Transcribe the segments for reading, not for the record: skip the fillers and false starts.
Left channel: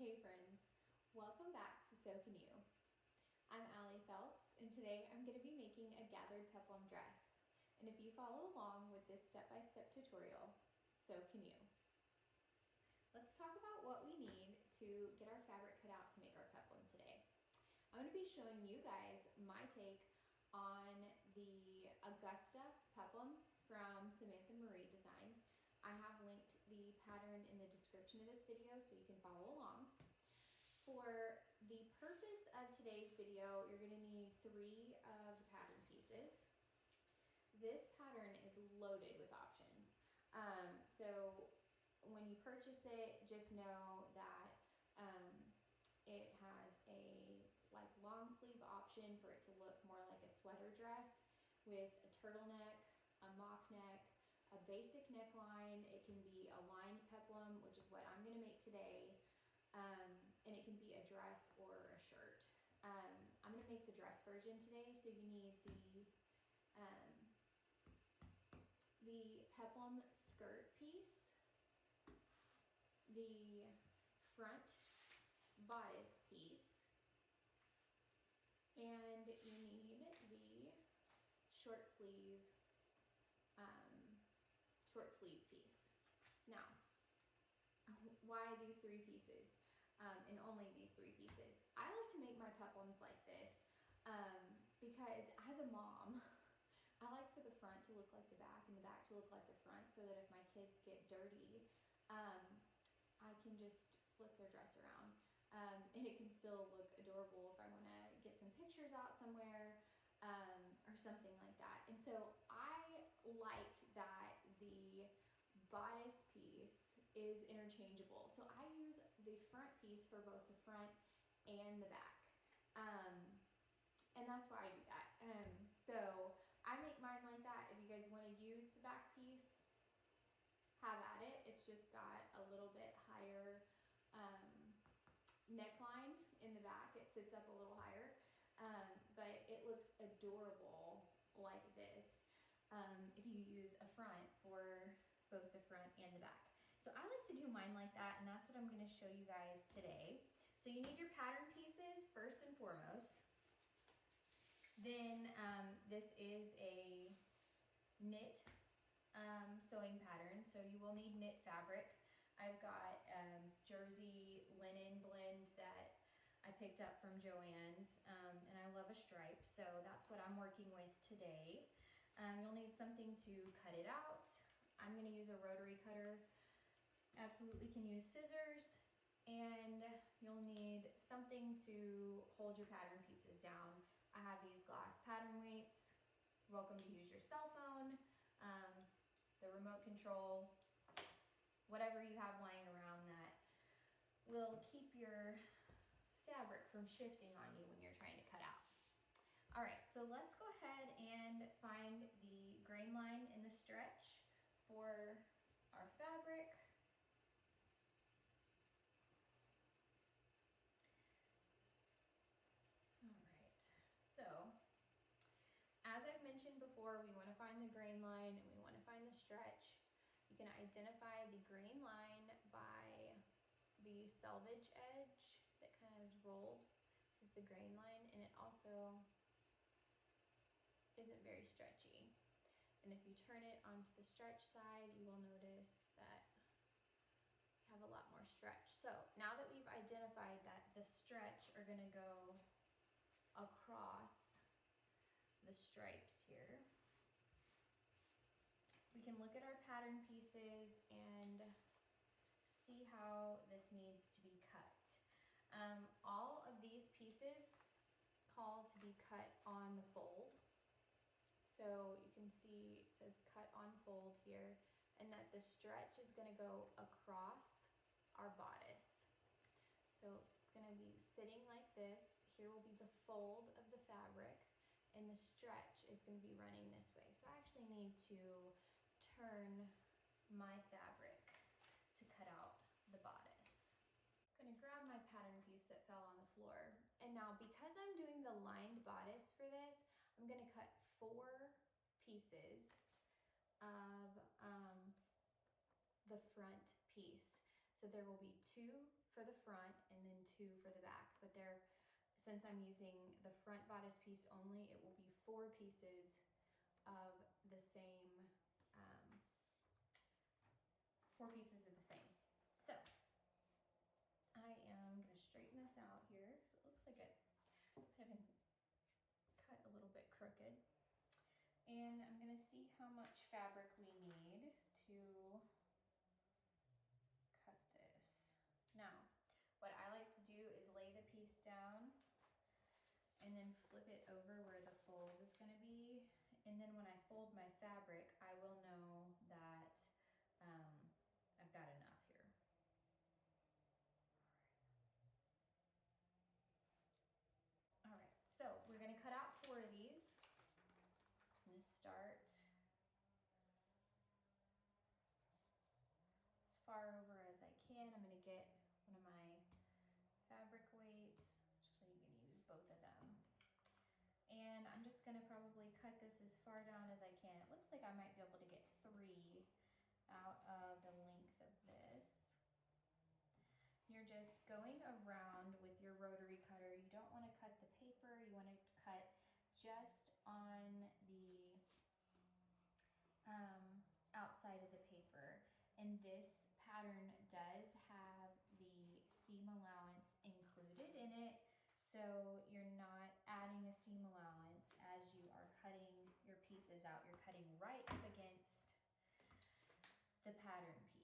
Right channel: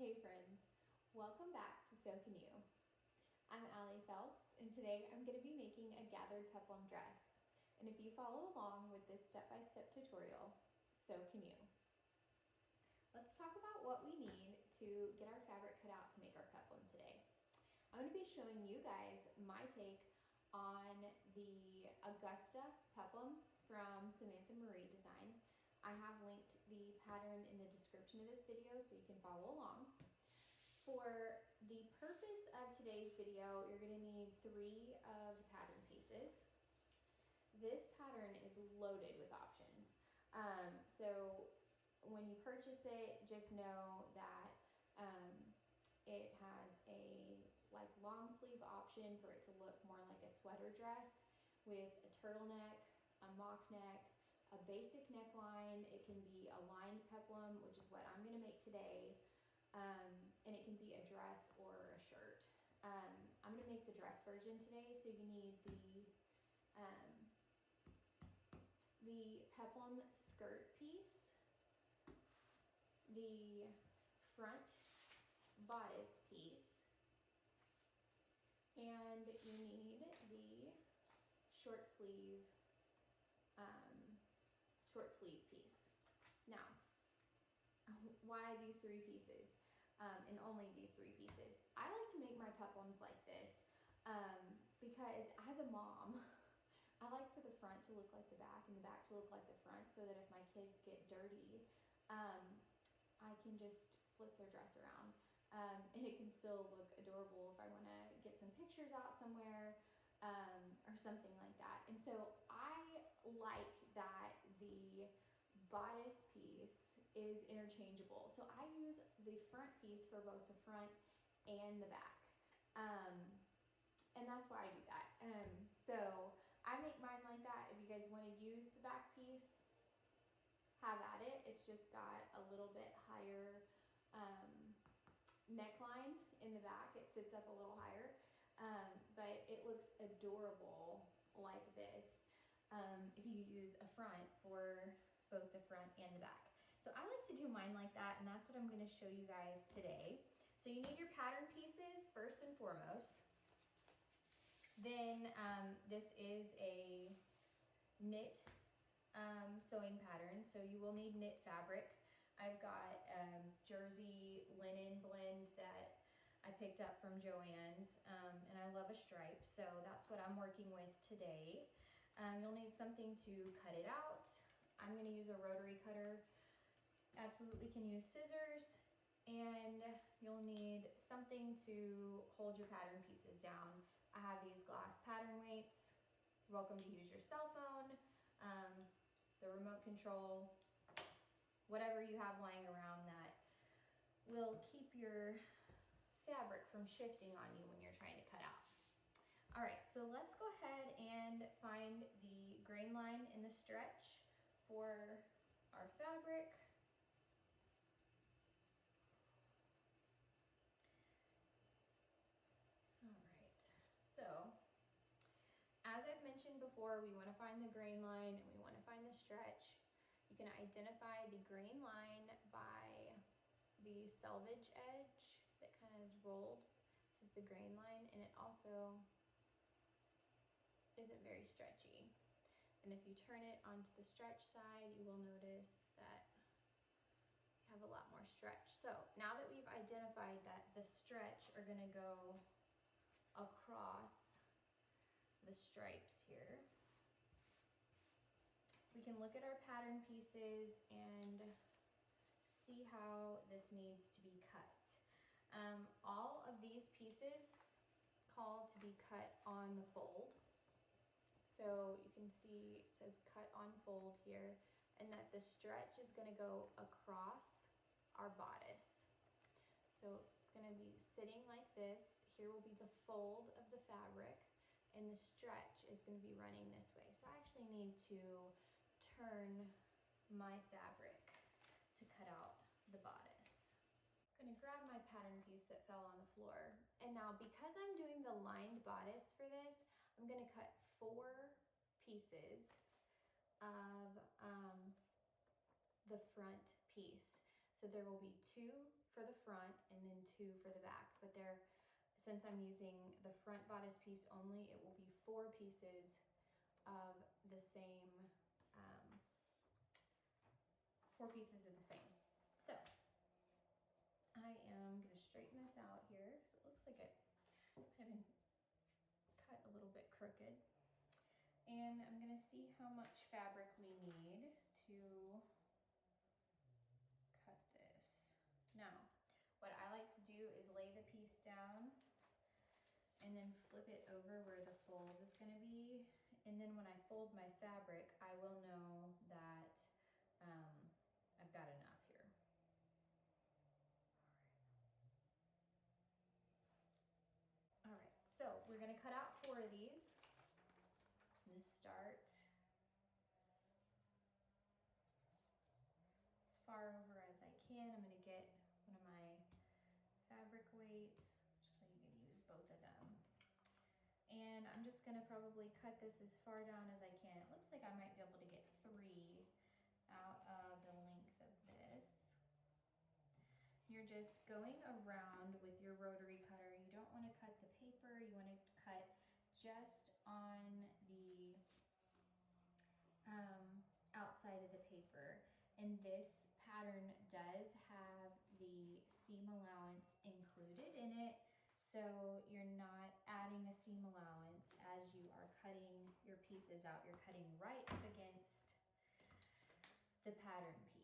Hey friends, welcome back to So Can You. I'm Allie Phelps, and today I'm going to be making a gathered peplum dress. And if you follow along with this step-by-step tutorial, so can you. Let's talk about what we need to get our fabric cut out to make our peplum today. I'm going to be showing you guys my take on the Augusta peplum from Samantha Marie Design. I have linked the pattern in the description of this video so you can follow along. For the purpose of today's video, you're going to need 3 of the pattern pieces. This pattern is loaded with options. So when you purchase it, just know that it has a long sleeve option for it to look more like a sweater dress with a turtleneck, a mock neck, a basic neckline. It can be a lined peplum, which is what I'm going to make today, and it can be a dress or a shirt. I'm going to make the dress version today, so you need the peplum skirt piece, the front bodice piece, and you need the short sleeve piece. Now, why these 3 pieces, and only these 3 pieces? I like to make my peplums like this because as a mom, I like for the front to look like the back and the back to look like the front, so that if my kids get dirty, I can just flip their dress around, and it can still look adorable if I want to get some pictures out somewhere, or something like that. And so I like that the bodice piece is interchangeable. So I use the front piece for both the front and the back. And that's why I do that. So I make mine like that. If you guys want to use the back piece, have at it. It's just got a little bit higher neckline in the back. It sits up a little higher. But it looks adorable like this if you use a front for both the front and the back. So I like to do mine like that, and that's what I'm going to show you guys today. So you need your pattern pieces first and foremost. Then this is a knit sewing pattern, so you will need knit fabric. I've got jersey linen blend that I picked up from Joann's, and I love a stripe, so that's what I'm working with today. You'll need something to cut it out. I'm going to use a rotary cutter. Absolutely can use scissors, and you'll need something to hold your pattern pieces down. I have these glass pattern weights. You're welcome to use your cell phone, the remote control, whatever you have lying around that will keep your fabric from shifting on you when you're trying to cut out. All right, so let's go ahead and find the grain line and the stretch for our fabric. All right, so as I've mentioned before, we want to find the grain line and we want to find the stretch. You can identify the grain line by the selvage edge that kind of is rolled. This is the grain line, and it also isn't very stretchy. And if you turn it onto the stretch side, you will notice that you have a lot more stretch. So now that we've identified that the stretch are going to go across the stripes here, we can look at our pattern pieces and see how this needs to be cut. All of these pieces call to be cut on the fold. So you can see it says cut on fold here, and that the stretch is going to go across our bodice. So it's going to be sitting like this. Here will be the fold of the fabric, and the stretch is going to be running this way. So I actually need to turn my fabric to cut out the bodice. I'm going to grab my pattern piece that fell on the floor, and now because I'm doing the lined bodice for this, I'm going to cut 4 pieces of the front piece. So there will be 2 for the front and then 2 for the back, but since I'm using the front bodice piece only, it will be 4 pieces of the same, 4 pieces of the same. So I am gonna straighten this out here because it looks like it had been cut a little bit crooked. And I'm gonna see how much fabric we need to cut this. Now, what I like to do is lay the piece down and then flip it over where the fold is gonna be. And then when I fold my fabric, I will know that I've got enough here. All right, so we're gonna cut out 4 of these. I'm gonna start as far over as I can. I'm gonna get one of my fabric weights. Actually, you can use both of them. And I'm just gonna probably cut this as far down as I can. It looks like I might be able to get 3 out of the length of this. You're just going around with your rotary cutter. You don't want to cut the paper. You want to cut just on the outside of the paper. And this pattern does have the seam allowance included in it, so you're not adding a seam allowance as you are cutting your pieces out. You're cutting right up against the pattern piece.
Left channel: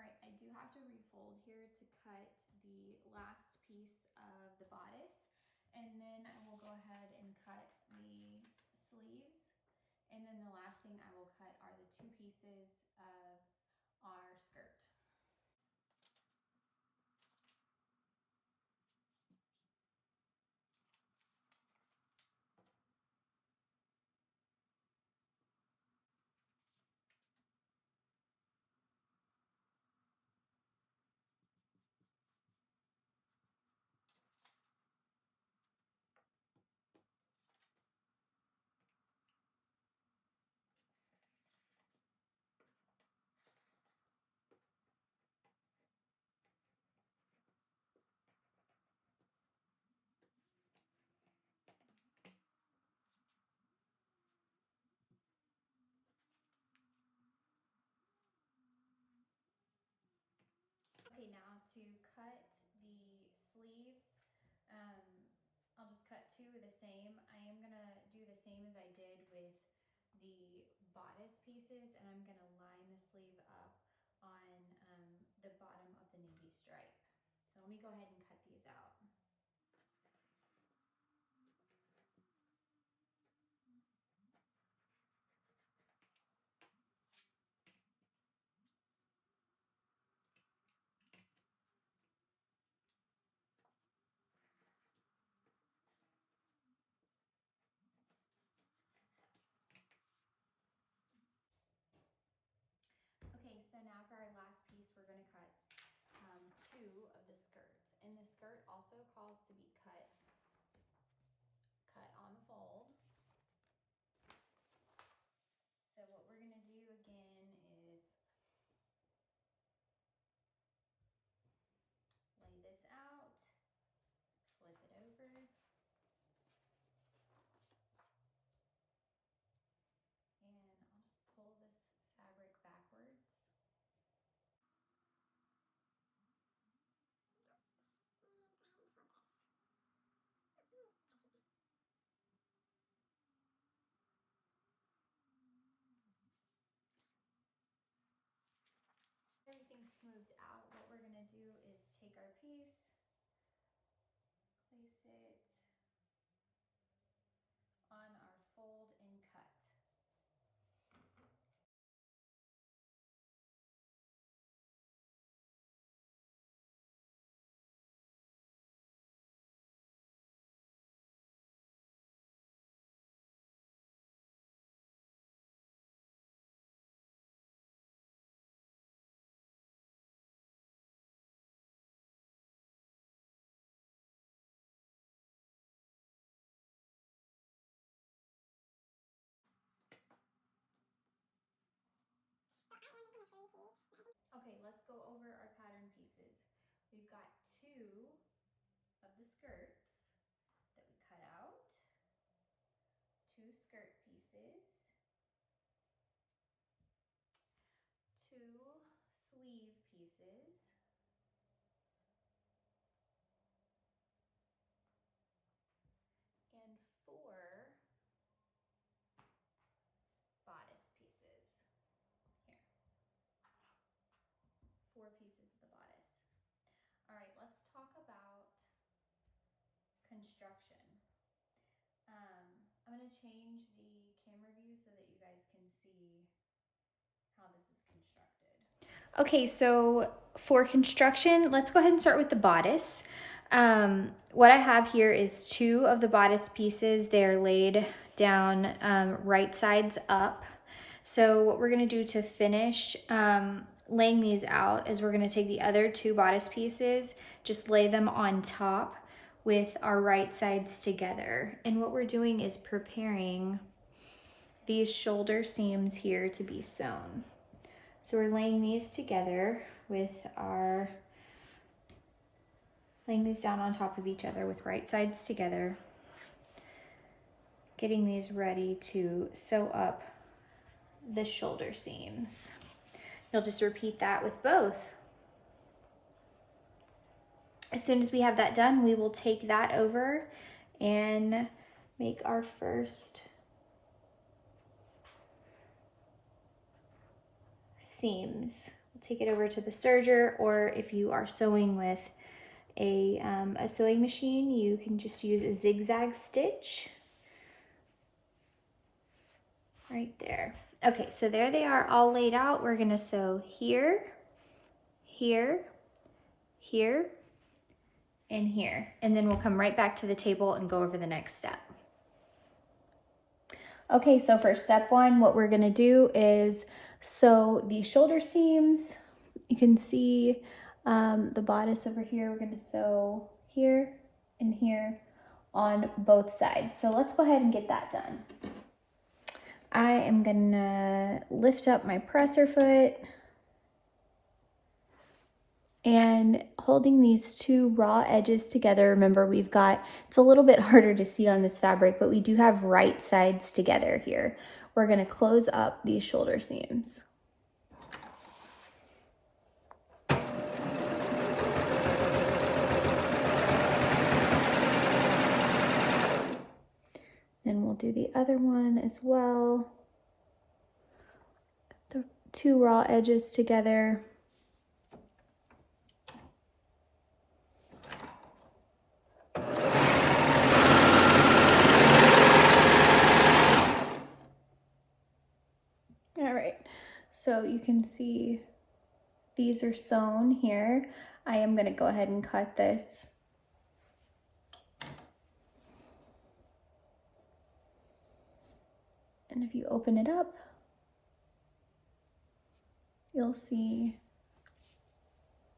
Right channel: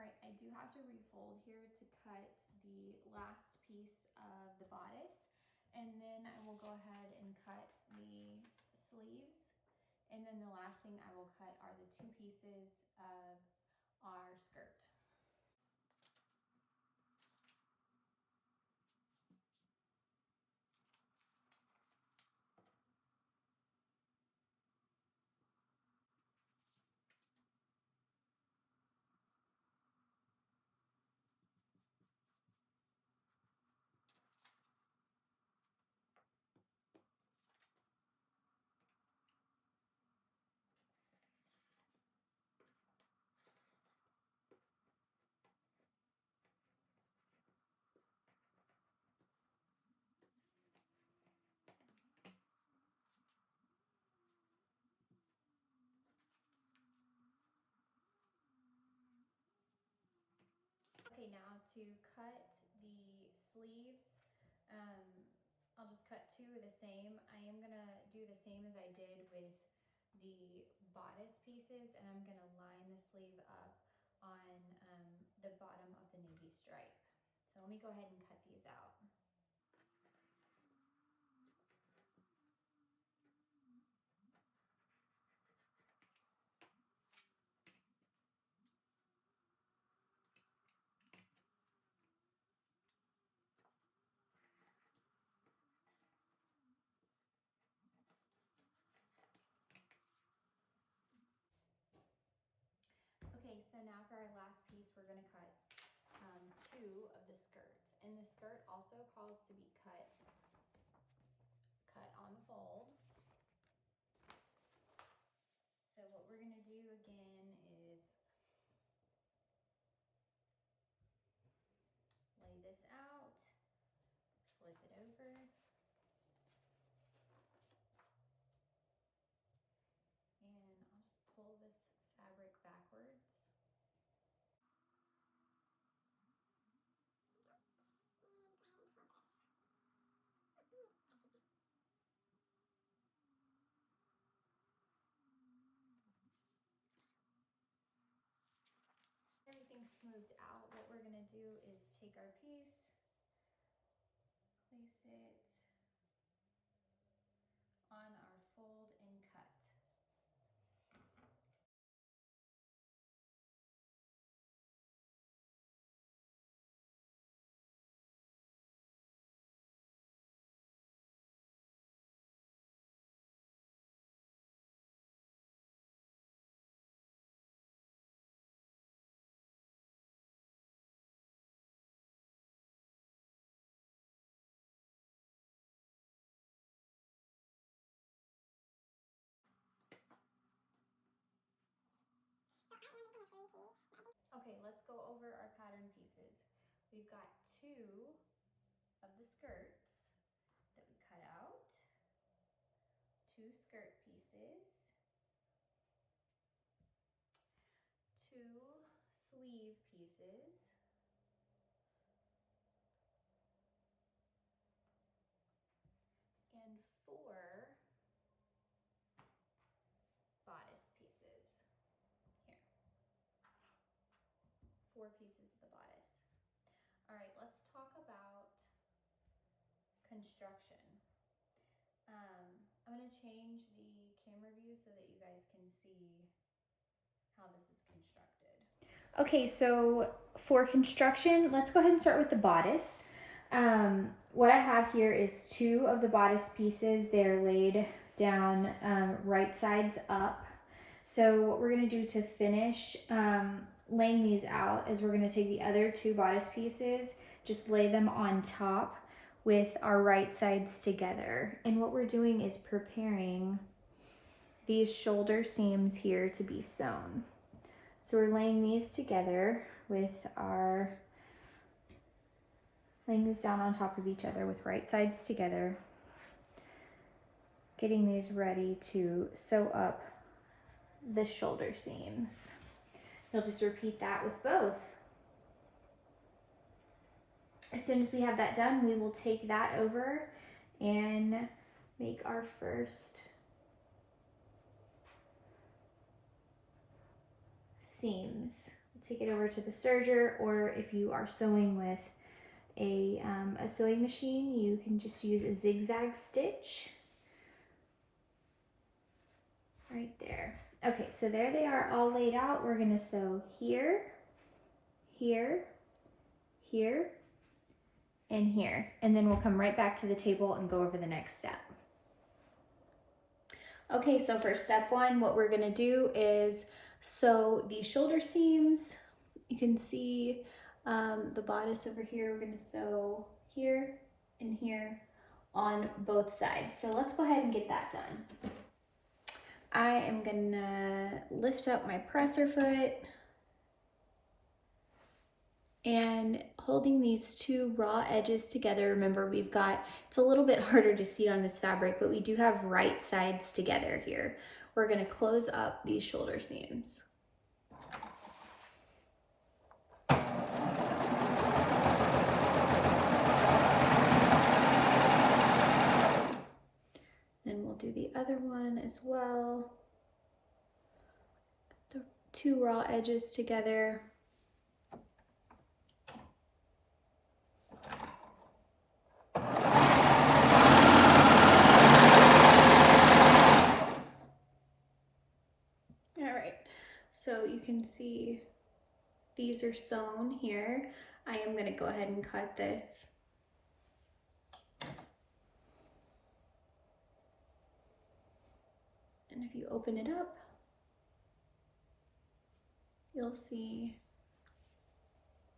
All right, I do have to refold here to cut the last piece of the bodice, and then I will go ahead and cut the sleeves, and then the last thing I will cut are the 2 pieces of our skirt. Okay, now to cut the sleeves, I'll just cut 2 of the same. I am gonna do the same as I did with the bodice pieces, and I'm gonna line the sleeve up on the bottom of the navy stripe. So let me go ahead and cut these out. Okay, so now for our last piece, we're gonna cut 2 of the skirts. And the skirt also called to be cut on the fold. So what we're gonna do again is lay this out, flip it over, and I'll just pull this fabric backwards. smoothed out, what we're gonna do is take our piece, place it on our fold and cut. Okay, let's go over our pattern pieces. We've got 2 of the skirts that we cut out, 2 skirt pieces, 2 sleeve pieces, and 4 bodice pieces. Here, 4 pieces of the bodice. All right, let's talk about construction. I'm going to change the camera view so that you guys can see how this is constructed. Okay, so for construction, let's go ahead and start with the bodice. What I have here is 2 of the bodice pieces. They're laid down right sides up. So what we're going to do to finish laying these out is we're going to take the other 2 bodice pieces, just lay them on top with our right sides together. And what we're doing is preparing these shoulder seams here to be sewn. So we're laying these together with laying these down on top of each other with right sides together, getting these ready to sew up the shoulder seams. You'll just repeat that with both. As soon as we have that done, we will take that over and make our first seams. We'll take it over to the serger, or if you are sewing with a sewing machine, you can just use a zigzag stitch right there. Okay, so there they are all laid out. We're gonna sew here, here, here, and here, and then we'll come right back to the table and go over the next step. Okay, so for step 1, what we're gonna do is sew the shoulder seams. You can see the bodice over here. We're gonna sew here and here on both sides. So let's go ahead and get that done. I am gonna lift up my presser foot and holding these 2 raw edges together. Remember, it's a little bit harder to see on this fabric, but we do have right sides together here. We're gonna close up these shoulder seams. Then we'll do the other one as well. The 2 raw edges together. All right, so you can see these are sewn here. I am going to go ahead and cut this. And if you open it up, you'll see,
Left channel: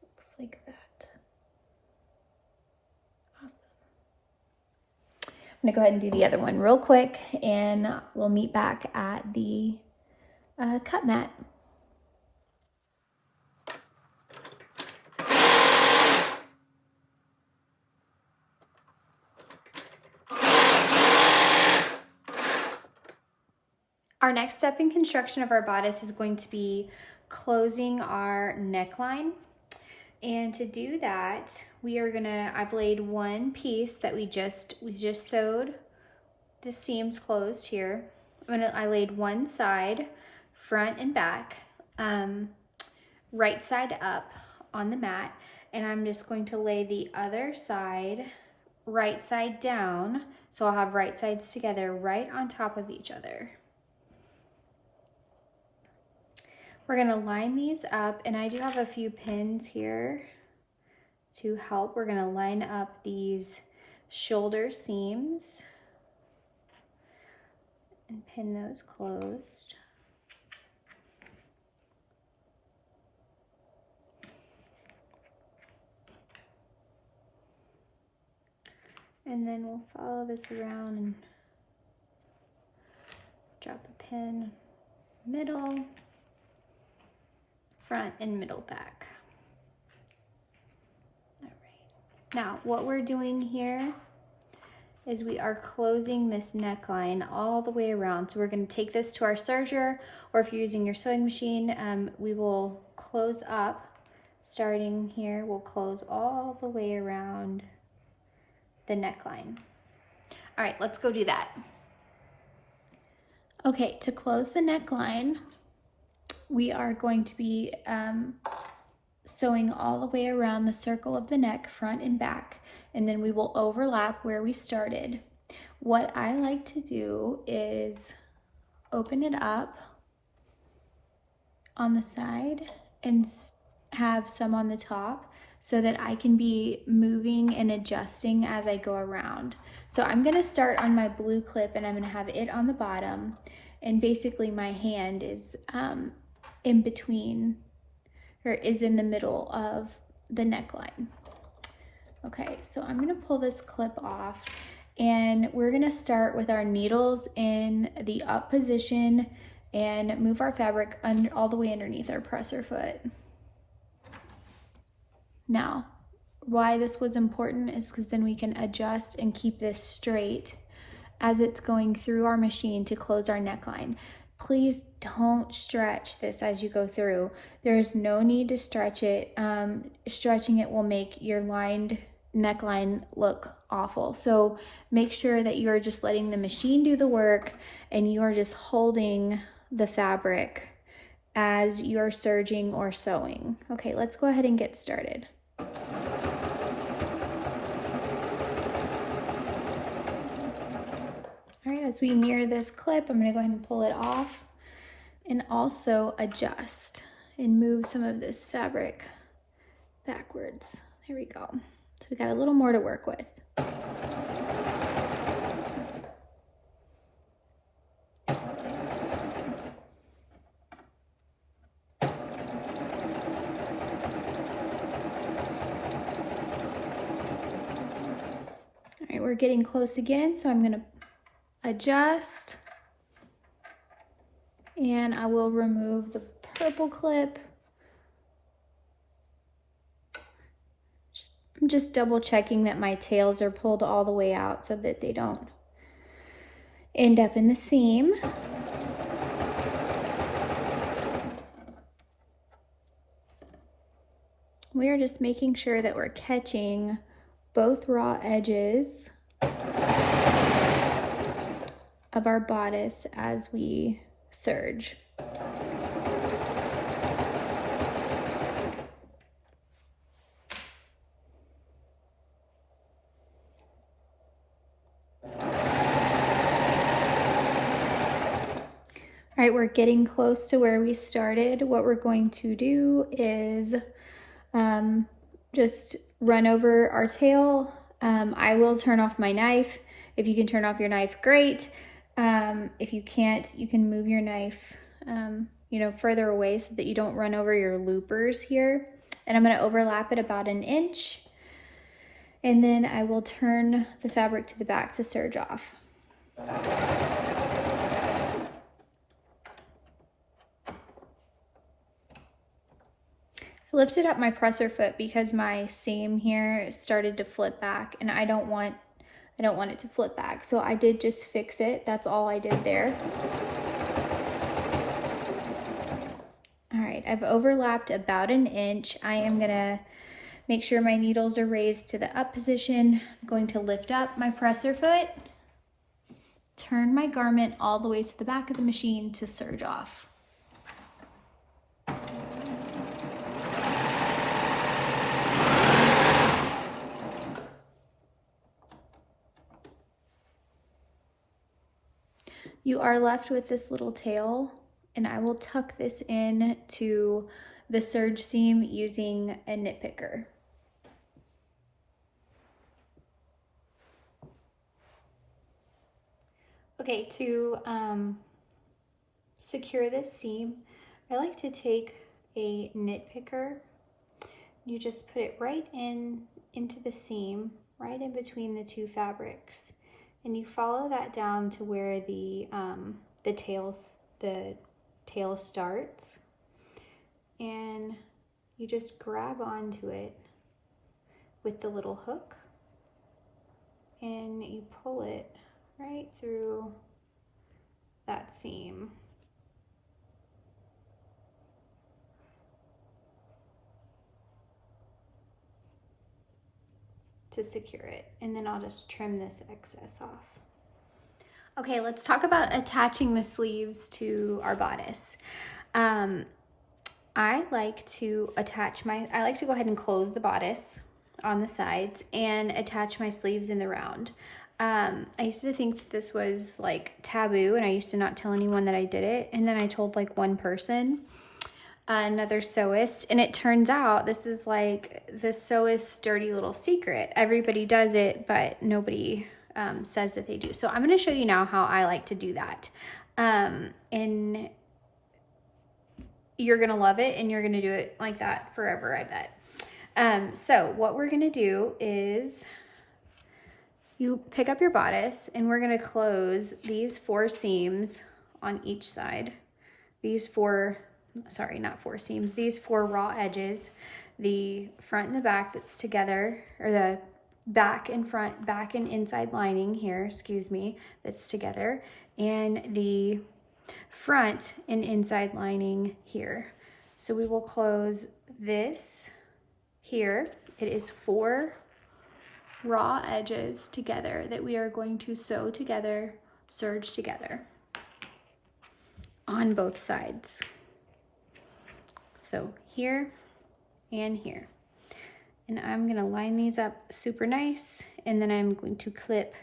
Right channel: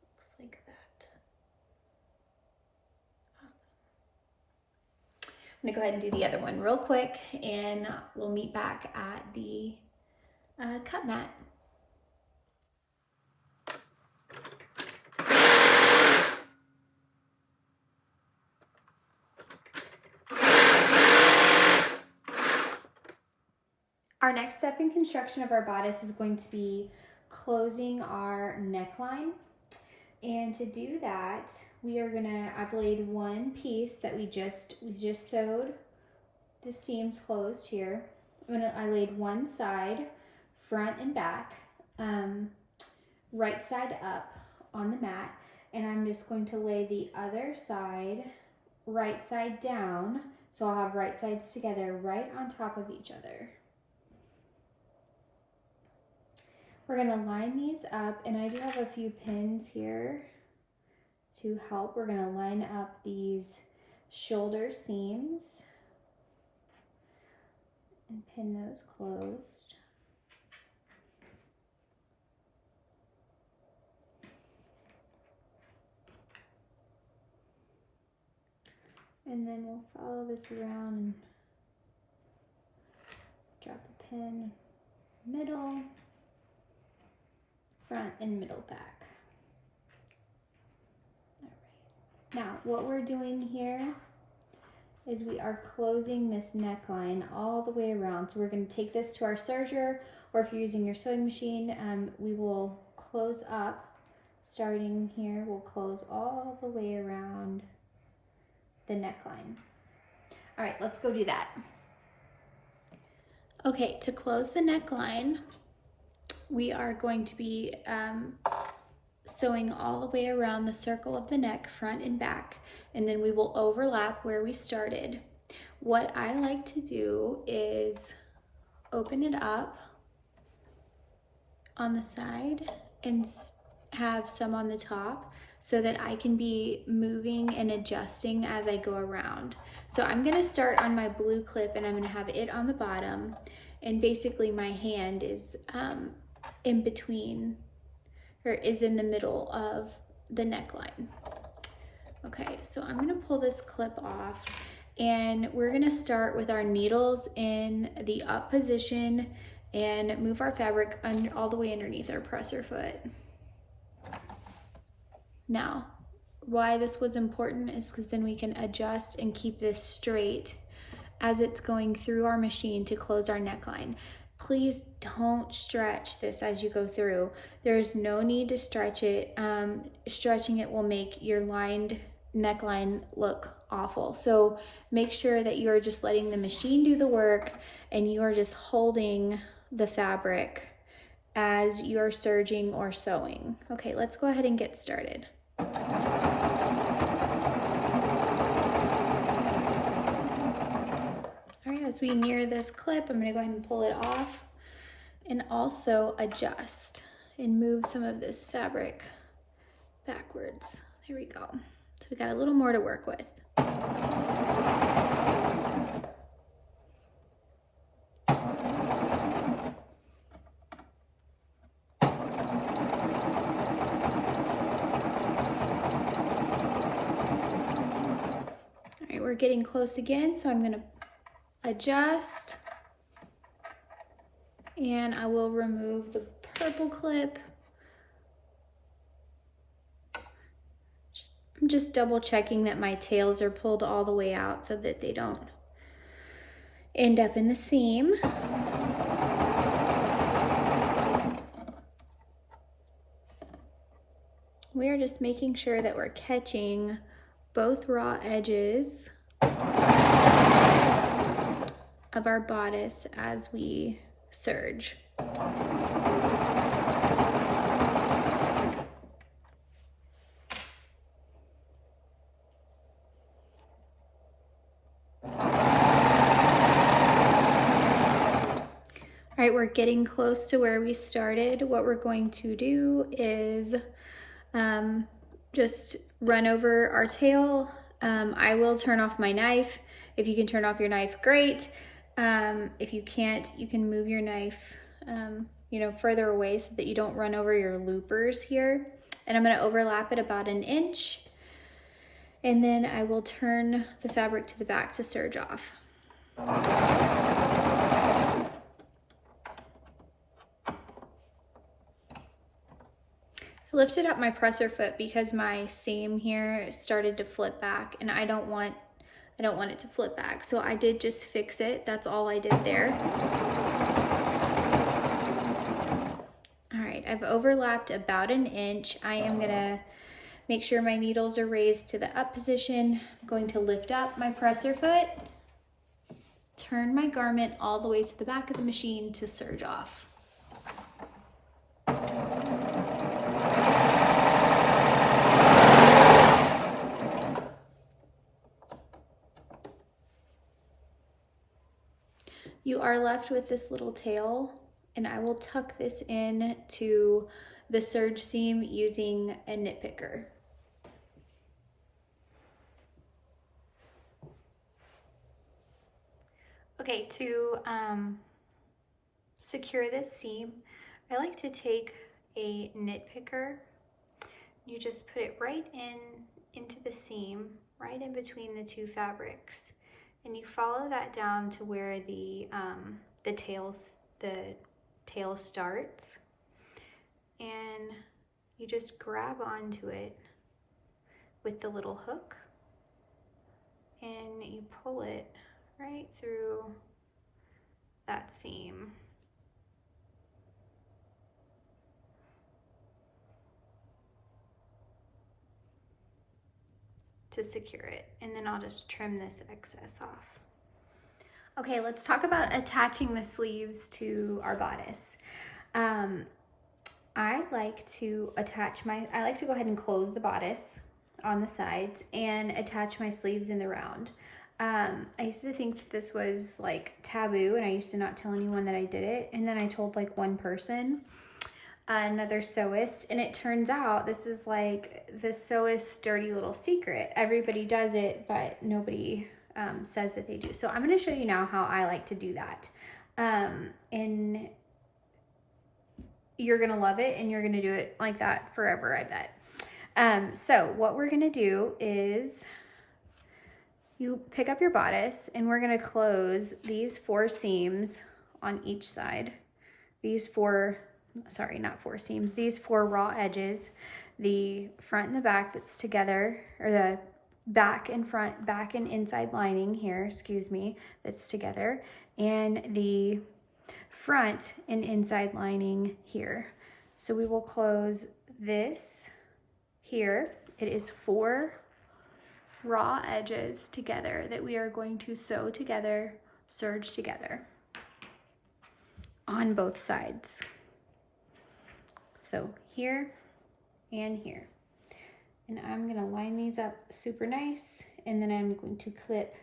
looks like that. Awesome. I'm gonna go ahead and do the other one real quick, and we'll meet back at the cut mat. Our next step in construction of our bodice is going to be closing our neckline. And to do that, I've laid 1 piece that we just sewed the seams closed here. I laid one side, front and back. right side up on the mat, and I'm just going to lay the other side right side down. So I'll have right sides together right on top of each other. We're gonna line these up, and I do have a few pins here to help. We're gonna line up these shoulder seams and pin those closed. And then we'll follow this around and drop a pin, middle, front, and middle back. All right. Now, what we're doing here is we are closing this neckline all the way around. So we're going to take this to our serger, or if you're using your sewing machine, we will close up. Starting here, we'll close all the way around the neckline. All right, let's go do that. Okay, to close the neckline, we are going to be sewing all the way around the circle of the neck, front and back, and then we will overlap where we started. What I like to do is open it up on the side and have some on the top, so that I can be moving and adjusting as I go around. So I'm gonna start on my blue clip, and I'm gonna have it on the bottom, and basically my hand is in between, or is in the middle of the neckline. Okay, so I'm gonna pull this clip off, and we're gonna start with our needles in the up position and move our fabric all the way underneath our presser foot. Now, why this was important is because then we can adjust and keep this straight as it's going through our machine to close our neckline. Please don't stretch this as you go through. There's no need to stretch it. Stretching it will make your lined neckline look awful. So make sure that you are just letting the machine do the work, and you are just holding the fabric as you're serging or sewing. Okay, let's go ahead and get started. All right, as we near this clip, I'm gonna go ahead and pull it off and also adjust and move some of this fabric backwards. There we go. So we got a little more to work with. We're getting close again, so I'm going to adjust, and I will remove the purple clip. I'm just double checking that my tails are pulled all the way out so that they don't end up in the seam. We're just making sure that we're catching both raw edges of our bodice as we serge. All right, we're getting close to where we started. What we're going to do is just run over our tail. I will turn off my knife. If you can turn off your knife, great. If you can't, you can move your knife further away so that you don't run over your loopers here. And I'm going to overlap it about 1 inch. And then I will turn the fabric to the back to serge off. I lifted up my presser foot because my seam here started to flip back, and I don't want it to flip back. So I did just fix it. That's all I did there. All right, I've overlapped about 1 inch. I am gonna make sure my needles are raised to the up position. I'm going to lift up my presser foot, turn my garment all the way to the back of the machine to serge off. are left with this little tail, and I will tuck this in to the serge seam using a nitpicker. Okay, to secure this seam, I like to take a nitpicker. You just put it right into the seam, right in between the two fabrics, and you follow that down to where the tail starts, and you just grab onto it with the little hook, and you pull it right through that seam. To secure it, and then I'll just trim this excess off. Okay, let's talk about attaching the sleeves to our bodice. I like to go ahead and close the bodice on the sides and attach my sleeves in the round. I used to think that this was like taboo, and I used to not tell anyone that I did it, and then I told like one person, another sewist, and it turns out this is like the sewist's dirty little secret. Everybody does it, but nobody says that they do. So I'm going to show you now how I like to do that, and you're going to love it, and you're going to do it like that forever, I bet. So what we're going to do is you pick up your bodice, and we're going to close these 4 seams on each side. These 4 raw edges, the front and the back that's together, or the back and front, back and inside lining here, that's together, and the front and inside lining here. So we will close this here. It is 4 raw edges together that we are going to sew together, serge together on both sides. So here and here. And I'm gonna line these up super nice, and then I'm going to clip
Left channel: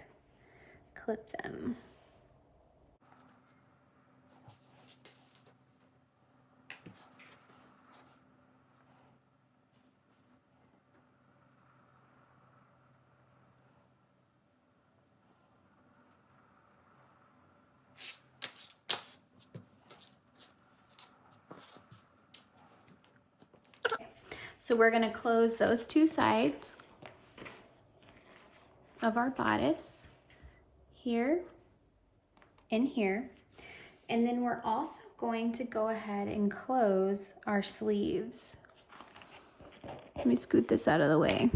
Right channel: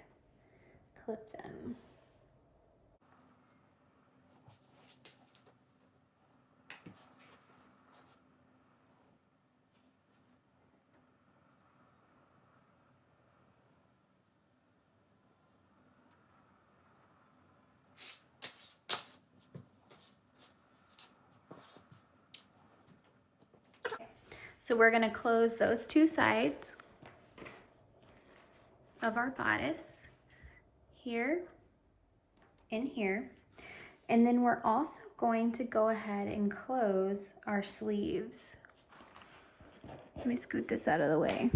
them. So we're going to close those 2 sides of our bodice, here and here. And then we're also going to go ahead and close our sleeves. Let me scoot this out of the way.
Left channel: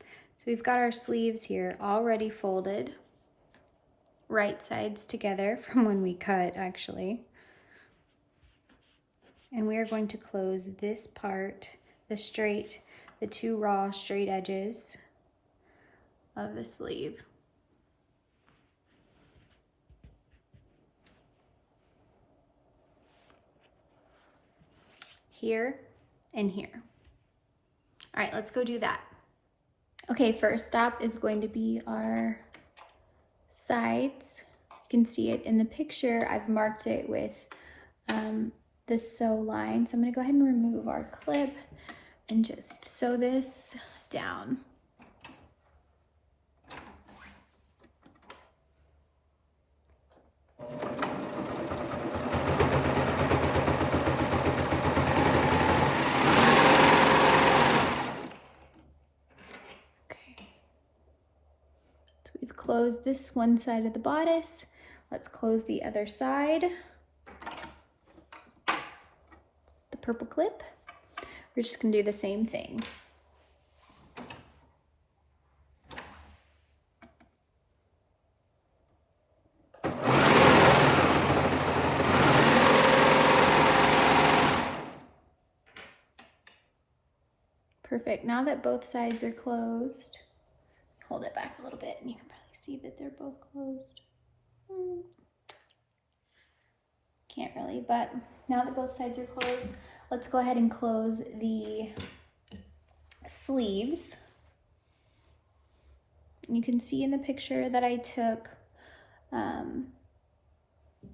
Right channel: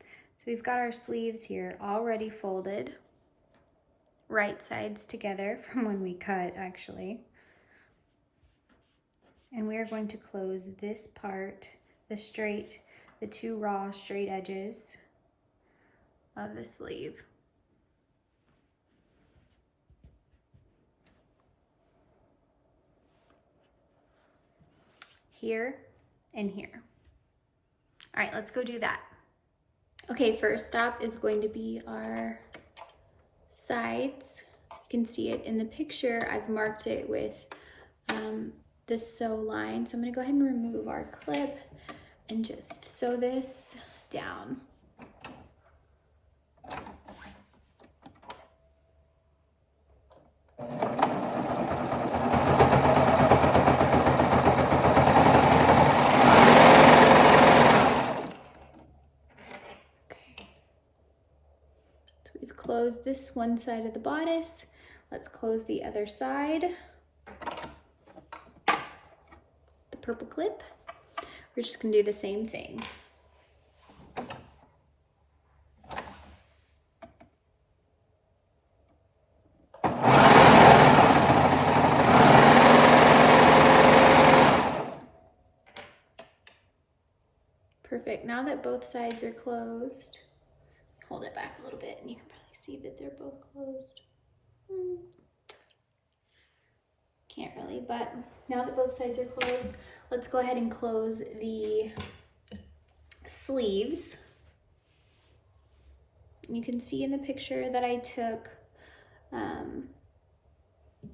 So we've got our sleeves here already folded, right sides together from when we cut, actually. And we are going to close this part, the 2 raw straight edges of the sleeve. Here and here. All right, let's go do that. Okay, first stop is going to be our sides. You can see it in the picture. I've marked it with the sew line. So I'm gonna go ahead and remove our clip and just sew this down. Close this one side of the bodice. Let's close the other side. The purple clip. We're just gonna do the same thing. Perfect. Now that both sides are closed, hold it back a little bit and you can probably see that they're both closed. Can't really, but now that both sides are closed, let's go ahead and close the sleeves. You can see in the picture that I took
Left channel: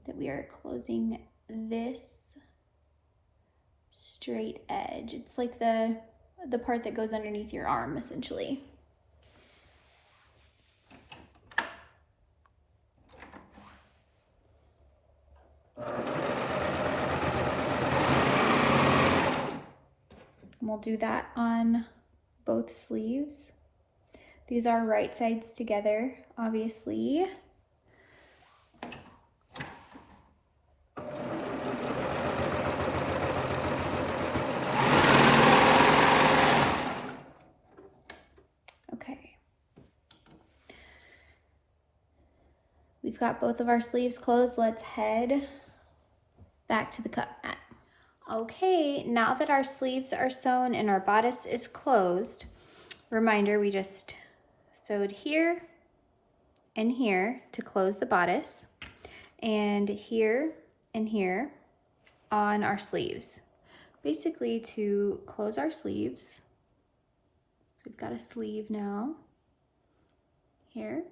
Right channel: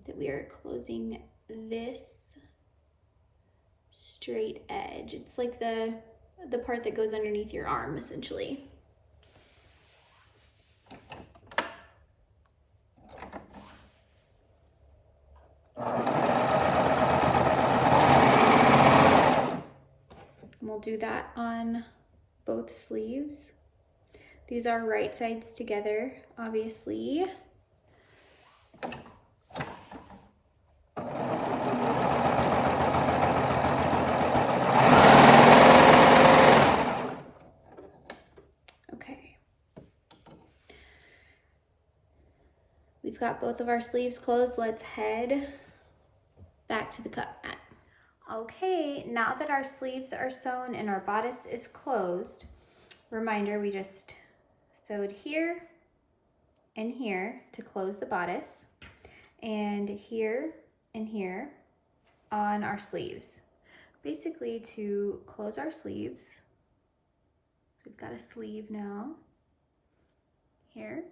that we are closing this straight edge. It's like the part that goes underneath your arm, essentially. We'll do that on both sleeves. These are right sides together, obviously. Okay. We've got both of our sleeves closed. Let's head back to the cut mat. Okay, now that our sleeves are sewn and our bodice is closed, reminder, we just sewed here and here to close the bodice, and here and here on our sleeves, basically to close our sleeves. We've got a sleeve now here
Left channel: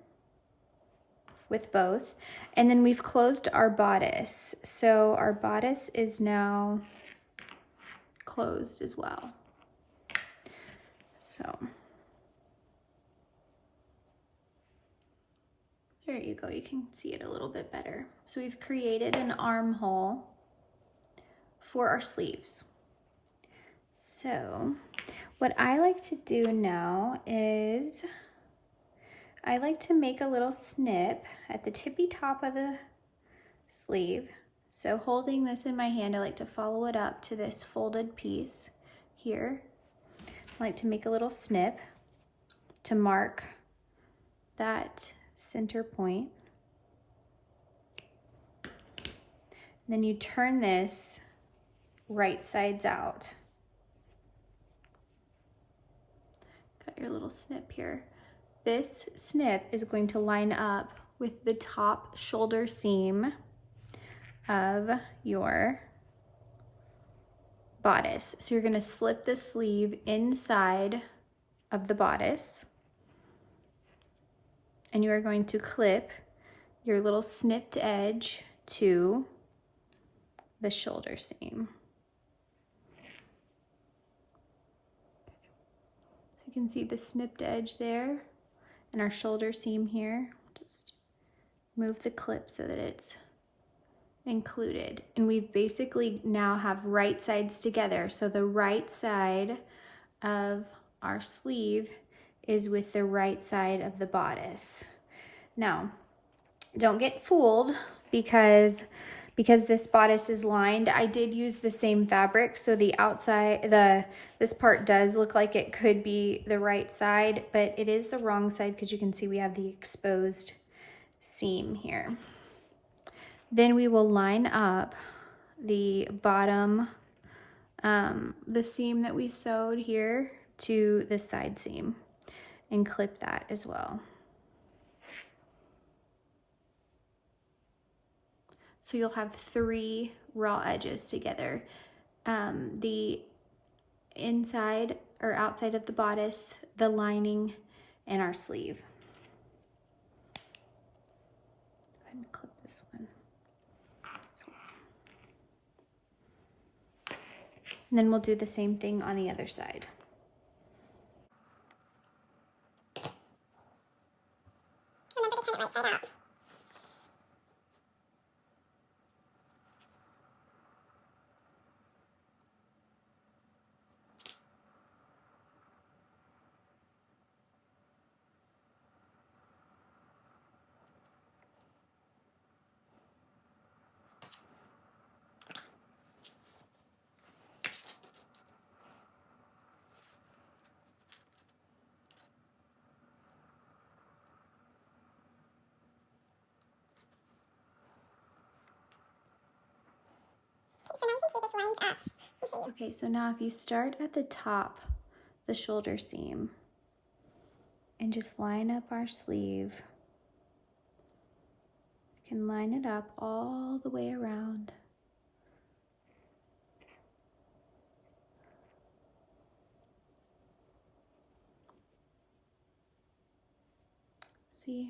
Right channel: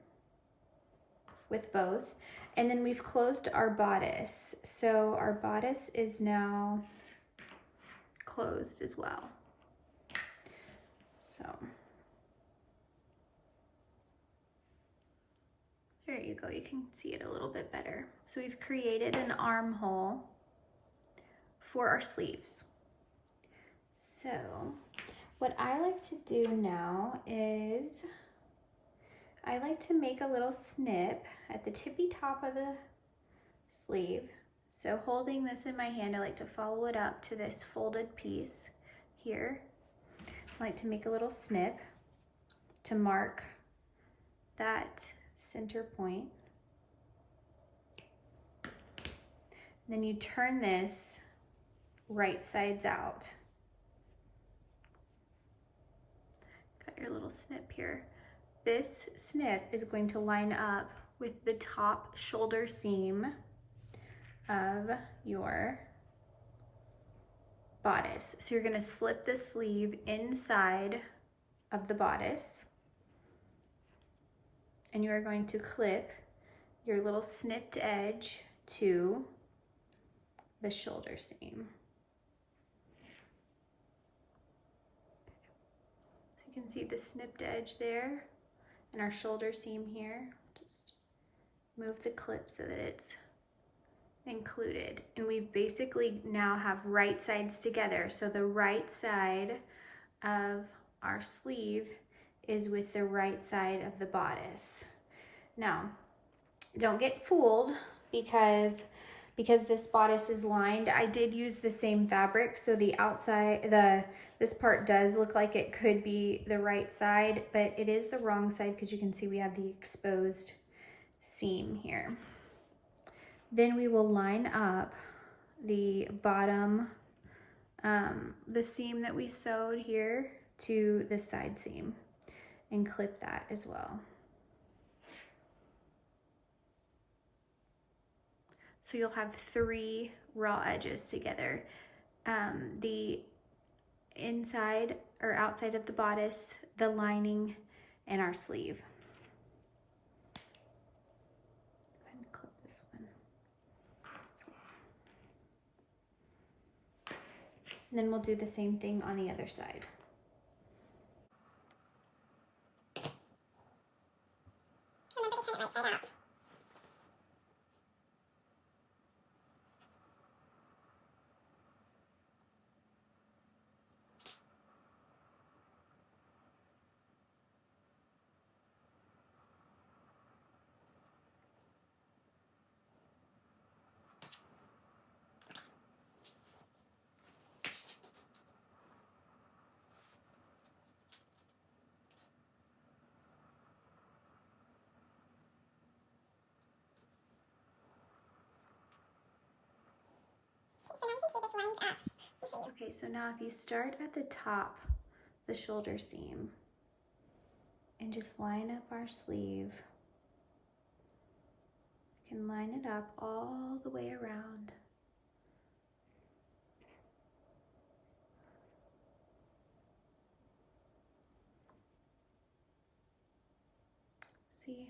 with both, and then we've closed our bodice. So our bodice is now closed as well. So there you go, you can see it a little bit better. So we've created an armhole for our sleeves. So what I like to do now is I like to make a little snip at the tippy top of the sleeve. So holding this in my hand, I like to follow it up to this folded piece here. I like to make a little snip to mark that center point. Then you turn this right sides out. Got your little snip here. This snip is going to line up with the top shoulder seam of your bodice. So you're going to slip the sleeve inside of the bodice, and you are going to clip your little snipped edge to the shoulder seam. So you can see the snipped edge there and our shoulder seam here. Just move the clip so that it's included, and we basically now have right sides together. So the right side of our sleeve is with the right side of the bodice. Now, don't get fooled because this bodice is lined. I did use the same fabric, so the outside, this part does look like it could be the right side, but it is the wrong side because you can see we have the exposed seam here. Then we will line up the bottom, the seam that we sewed here to the side seam and clip that as well. So you'll have 3 raw edges together. The inside or outside of the bodice, the lining, and our sleeve. Go ahead and clip this one. And then we'll do the same thing on the other side. Remember to turn it right side out. So now you can see this lines up. Okay, so now if you start at the top, the shoulder seam, and just line up our sleeve, you can line it up all the way around. See?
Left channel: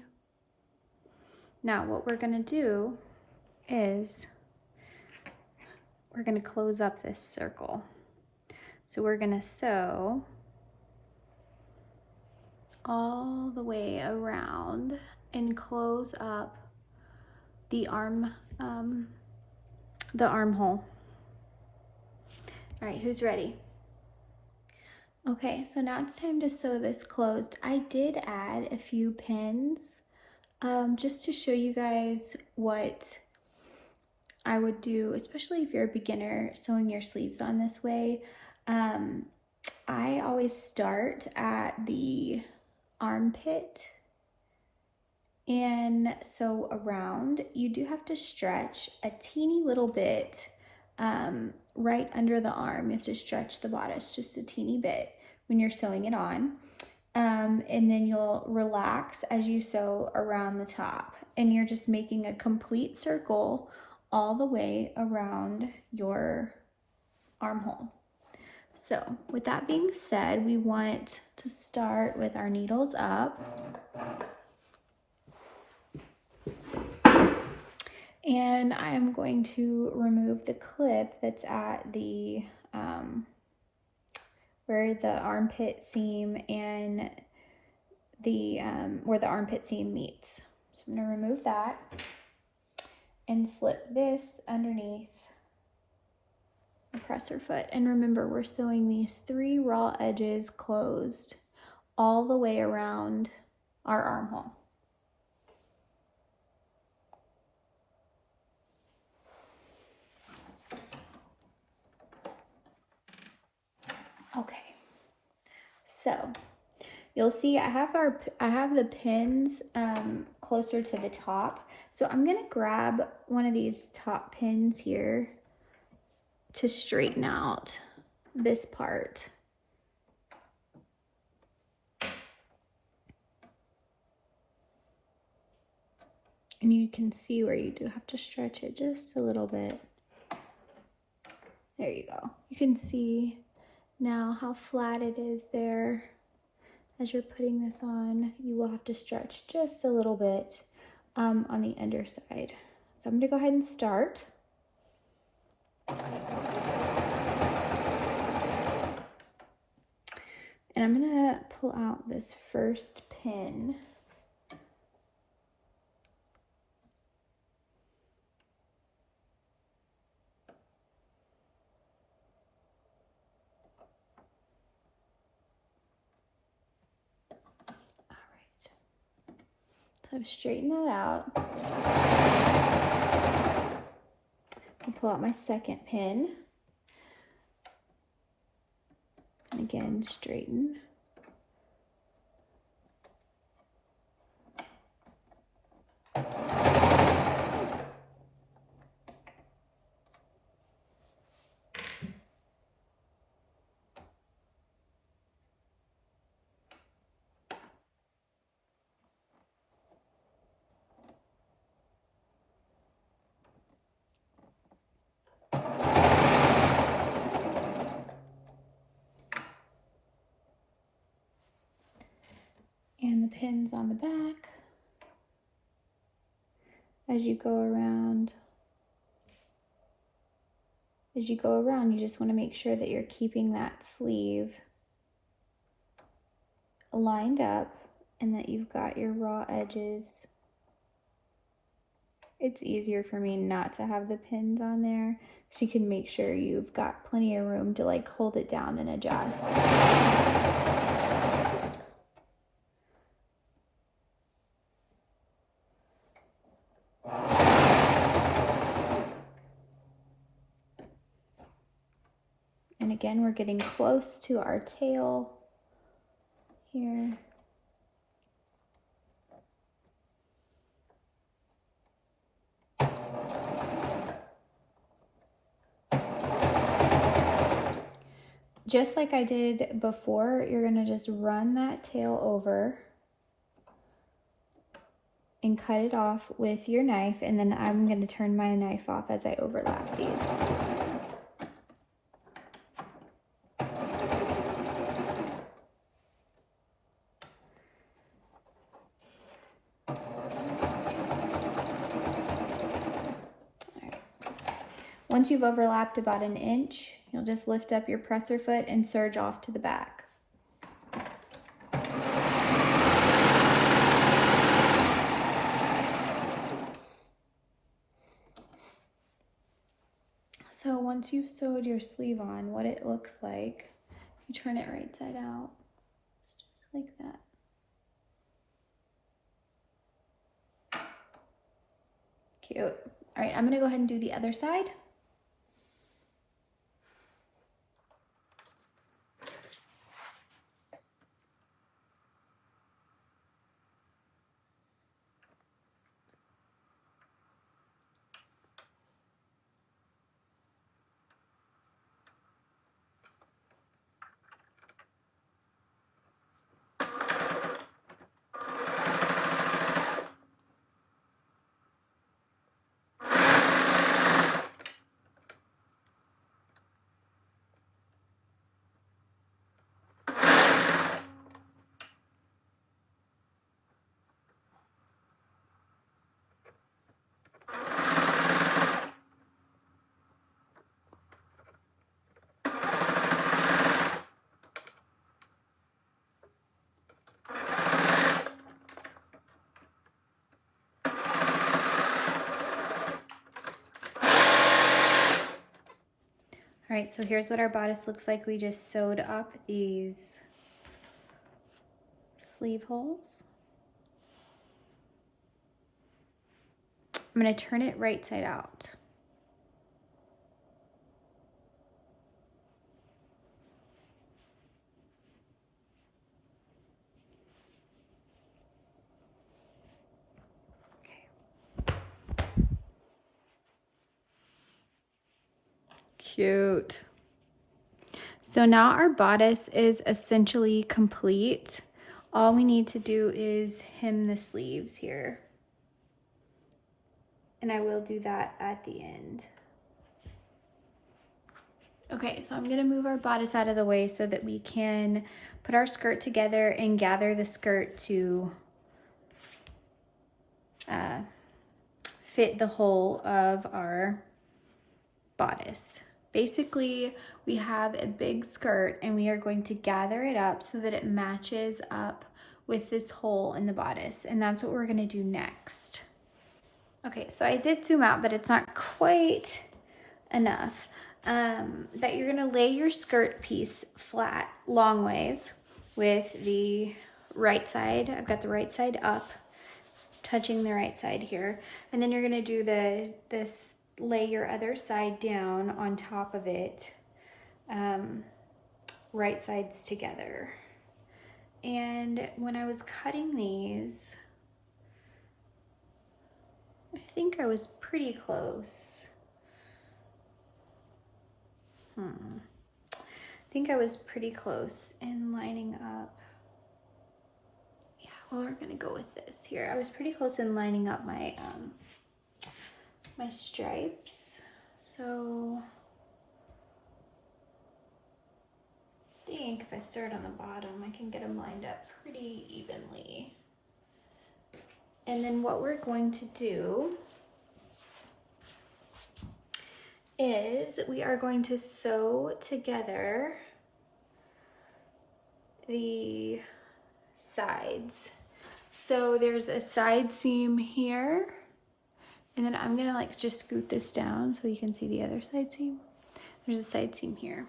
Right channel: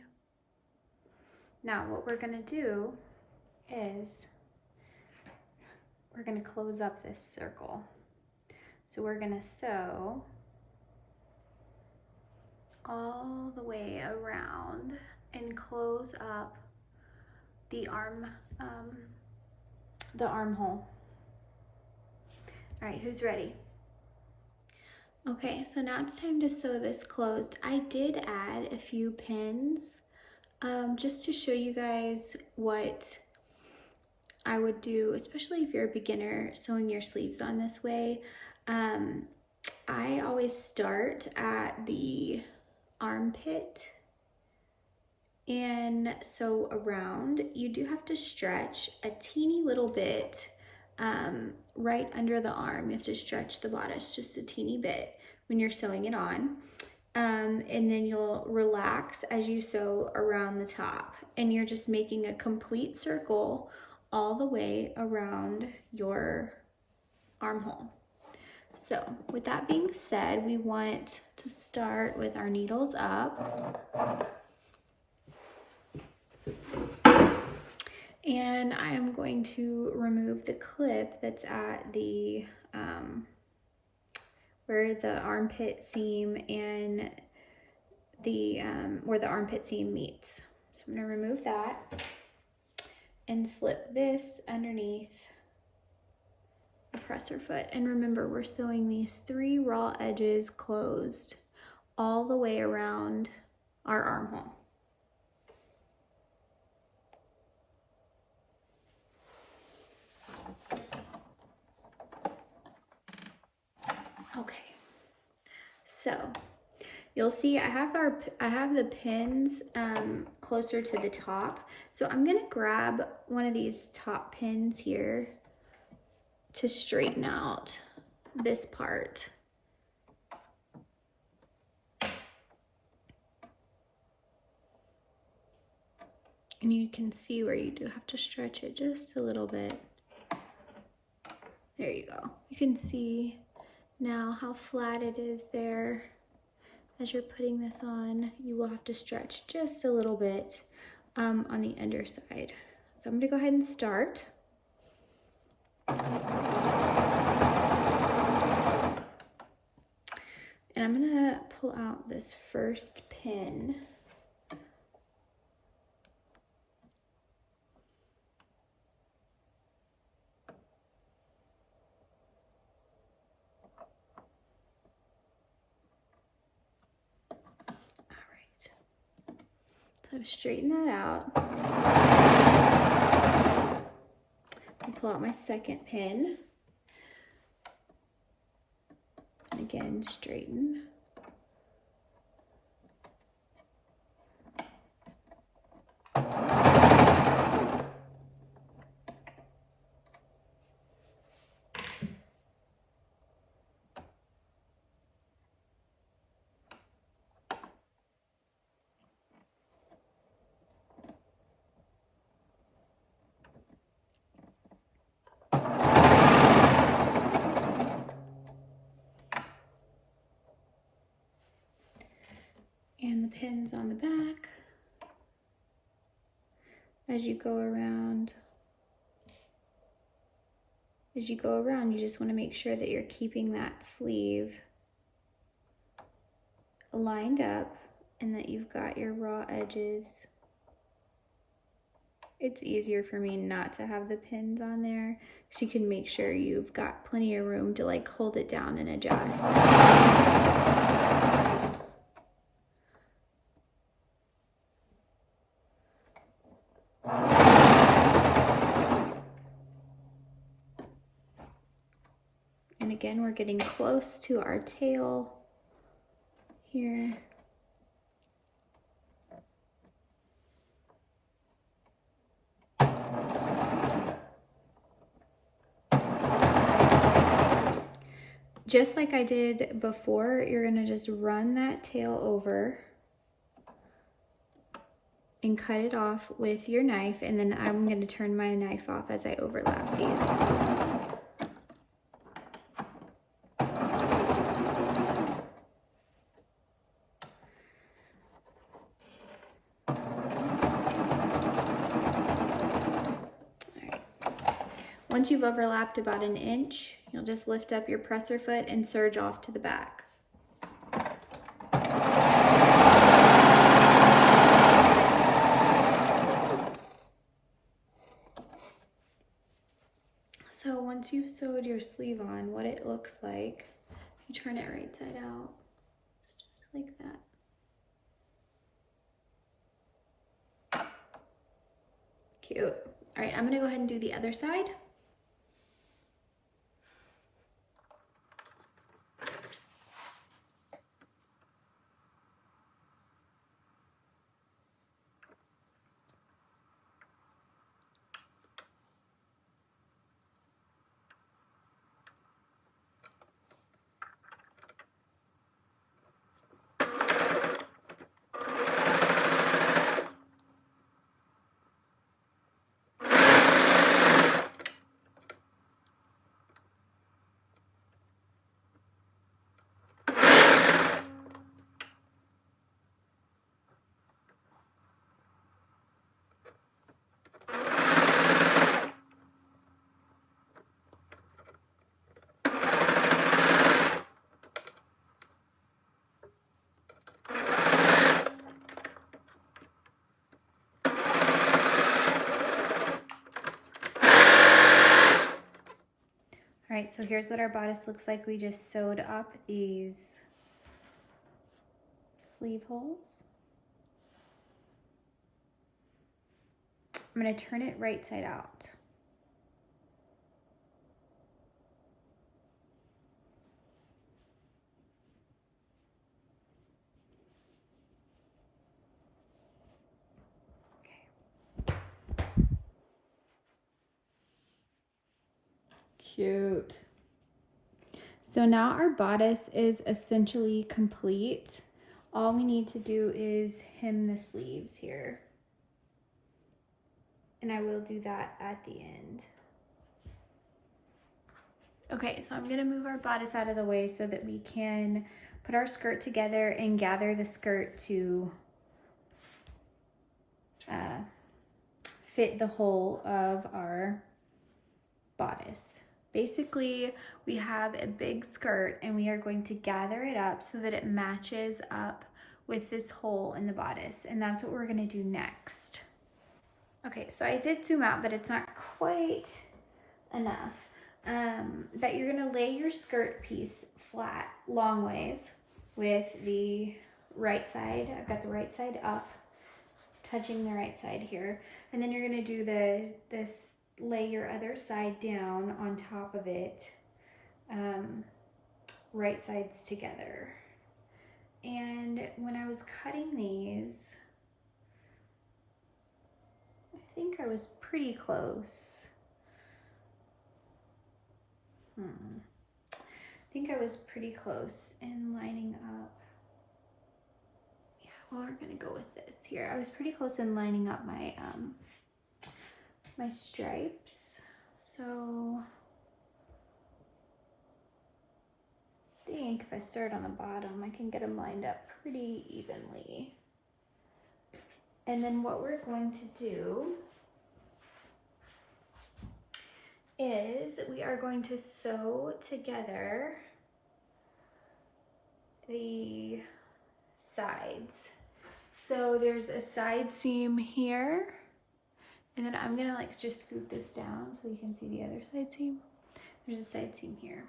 Now what we're gonna do is we're going to close up this circle. So we're going to sew all the way around and close up the armhole. All right, who's ready? Okay, so now it's time to sew this closed. I did add a few pins just to show you guys what I would do, especially if you're a beginner sewing your sleeves on this way. I always start at the armpit and sew around. You do have to stretch a teeny little bit right under the arm. You have to stretch the bodice just a teeny bit when you're sewing it on. And then you'll relax as you sew around the top, and you're just making a complete circle all the way around your armhole. So with that being said, we want to start with our needles up. And I'm going to remove the clip that's at the where the armpit seam and the where the armpit seam meets. So I'm going to remove that and slip this underneath the presser foot. And remember, we're sewing these 3 raw edges closed all the way around our armhole. Okay, so you'll see I have the pins closer to the top. So I'm gonna grab one of these top pins here to straighten out this part. And you can see where you do have to stretch it just a little bit. There you go. You can see now how flat it is there. As you're putting this on, you will have to stretch just a little bit on the underside. So I'm gonna go ahead and start. And I'm gonna pull out this first pin. So straighten that out. And pull out my second pin. And again, straighten. And the pins on the back. As you go around, you just want to make sure that you're keeping that sleeve lined up and that you've got your raw edges. It's easier for me not to have the pins on there, so you can make sure you've got plenty of room to like hold it down and adjust. And again, we're getting close to our tail here. Just like I did before, you're gonna just run that tail over and cut it off with your knife, and then I'm gonna turn my knife off as I overlap these. Once you've overlapped about an inch, you'll just lift up your presser foot and serge off to the back. So once you've sewed your sleeve on, what it looks like, you turn it right side out. It's just like that. Cute. All right, I'm gonna go ahead and do the other side. All right, so here's what our bodice looks like. We just sewed up these sleeve holes. I'm gonna turn it right side out. Cute. So now our bodice is essentially complete. All we need to do is hem the sleeves here. And I will do that at the end. Okay, so I'm gonna move our bodice out of the way so that we can put our skirt together and gather the skirt to fit the hole of our bodice. Basically, we have a big skirt and we are going to gather it up so that it matches up with this hole in the bodice. And that's what we're gonna do next. Okay, so I did zoom out, but it's not quite enough. But you're gonna lay your skirt piece flat, long ways, with the right side. I've got the right side up, touching the right side here. And then you're gonna do this, lay your other side down on top of it, right sides together. And when I was cutting these, I think I was pretty close. I think I was pretty close in lining up. Yeah, well, we're gonna go with this here. I was pretty close in lining up my my stripes. So I think if I start on the bottom, I can get them lined up pretty evenly. And then what we're going to do is we are going to sew together the sides. So there's a side seam here, and then I'm gonna like just scoot this down so you can see the other side seam. There's a side seam here.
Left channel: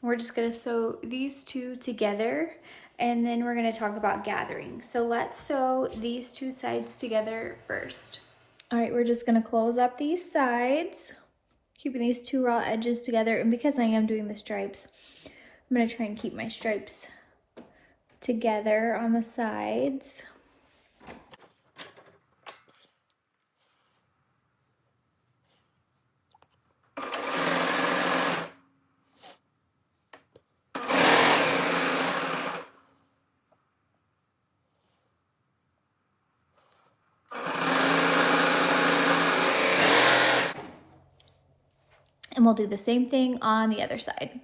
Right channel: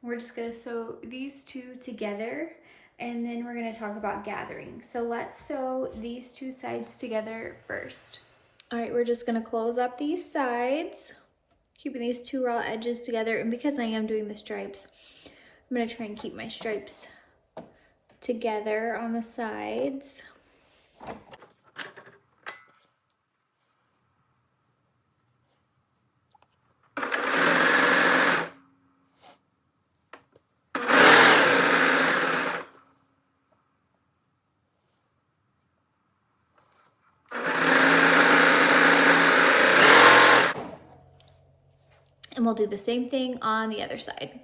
We're just gonna sew these two together, and then we're gonna talk about gathering. So let's sew these two sides together first. All right, we're just gonna close up these sides, keeping these two raw edges together. And because I am doing the stripes, I'm gonna try and keep my stripes together on the sides. And we'll do the same thing on the other side.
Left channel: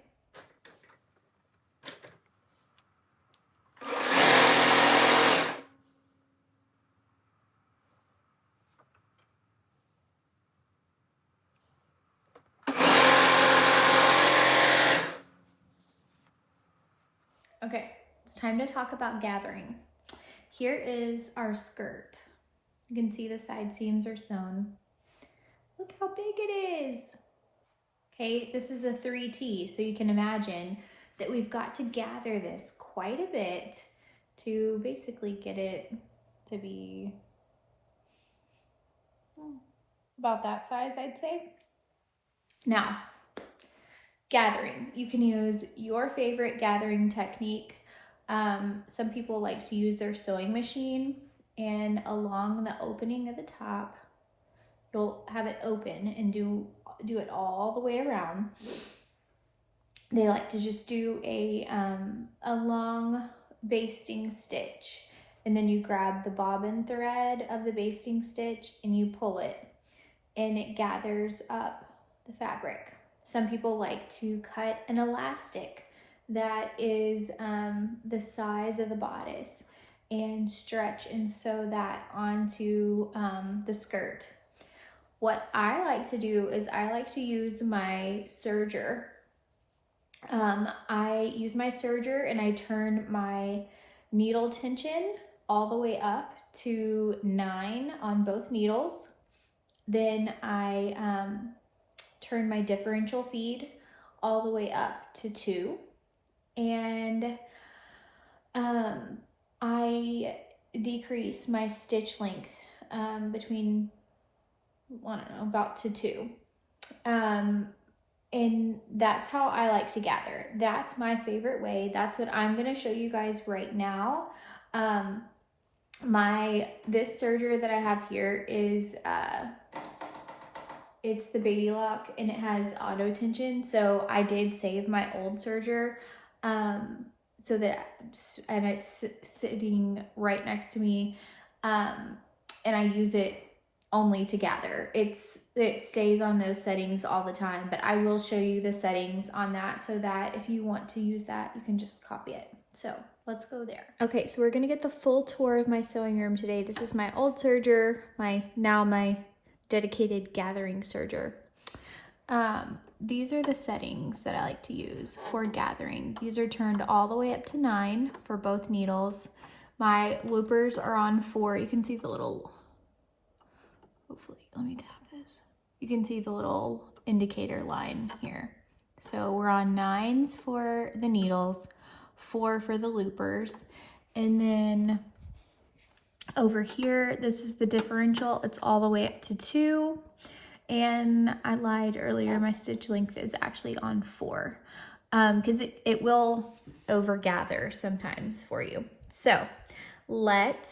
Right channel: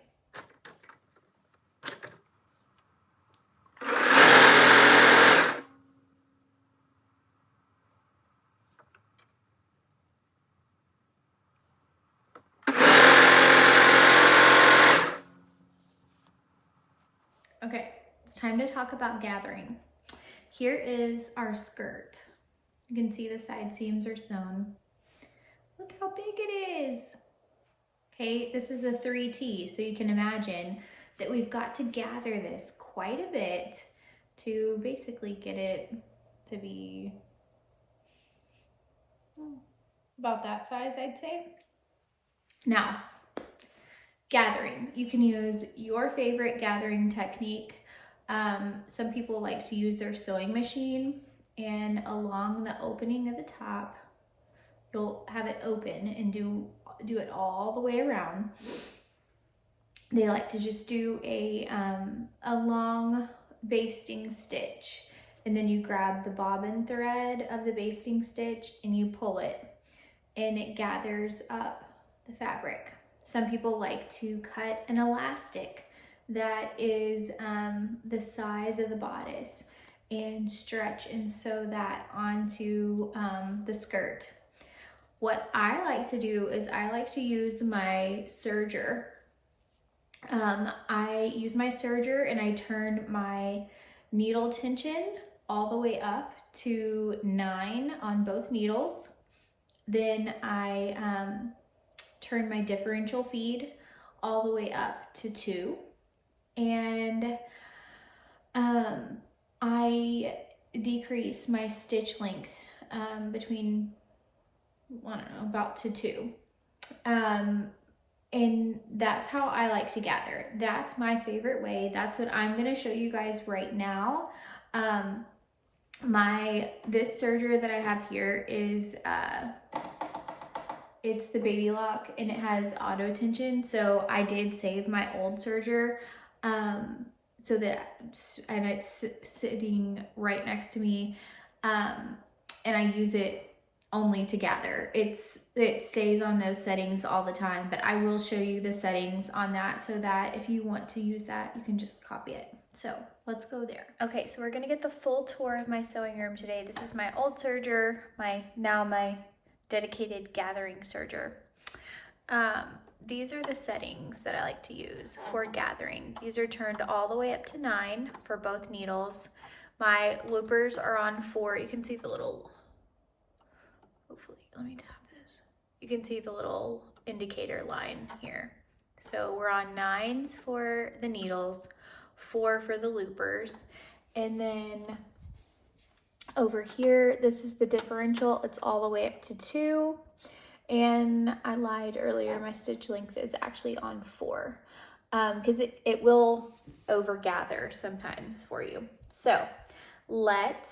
it's time to talk about gathering. Here is our skirt. You can see the side seams are sewn. Look how big it is. Okay, this is a 3T, so you can imagine that we've got to gather this quite a bit to basically get it to be about that size, I'd say. Now, gathering. You can use your favorite gathering technique. Some people like to use their sewing machine, and along the opening of the top, you'll have it open and do it all the way around. They like to just do a long basting stitch, and then you grab the bobbin thread of the basting stitch and you pull it, and it gathers up the fabric. Some people like to cut an elastic that is the size of the bodice and stretch and sew that onto the skirt. What I like to do is I like to use my serger. I use my serger and I turn my needle tension all the way up to 9 on both needles. Then I turn my differential feed all the way up to 2. And I decrease my stitch length between, I don't know, about to 2. And that's how I like to gather. That's my favorite way. That's what I'm gonna show you guys right now. This serger that I have here is, it's the Baby Lock, and it has auto tension. So I did save my old serger, so that, and it's sitting right next to me. And I use it only to gather. It stays on those settings all the time, but I will show you the settings on that so that if you want to use that, you can just copy it. So let's go there. Okay, so we're gonna get the full tour of my sewing room today. This is my old serger, my dedicated gathering serger. These are the settings that I like to use for gathering. These are turned all the way up to 9 for both needles. My loopers are on 4. You can see the little, hopefully, let me tap this. You can see the little indicator line here. So we're on 9s for the needles, 4 for the loopers. And then over here, this is the differential. It's all the way up to 2. And I lied earlier, my stitch length is actually on 4 because it will overgather sometimes for you. So let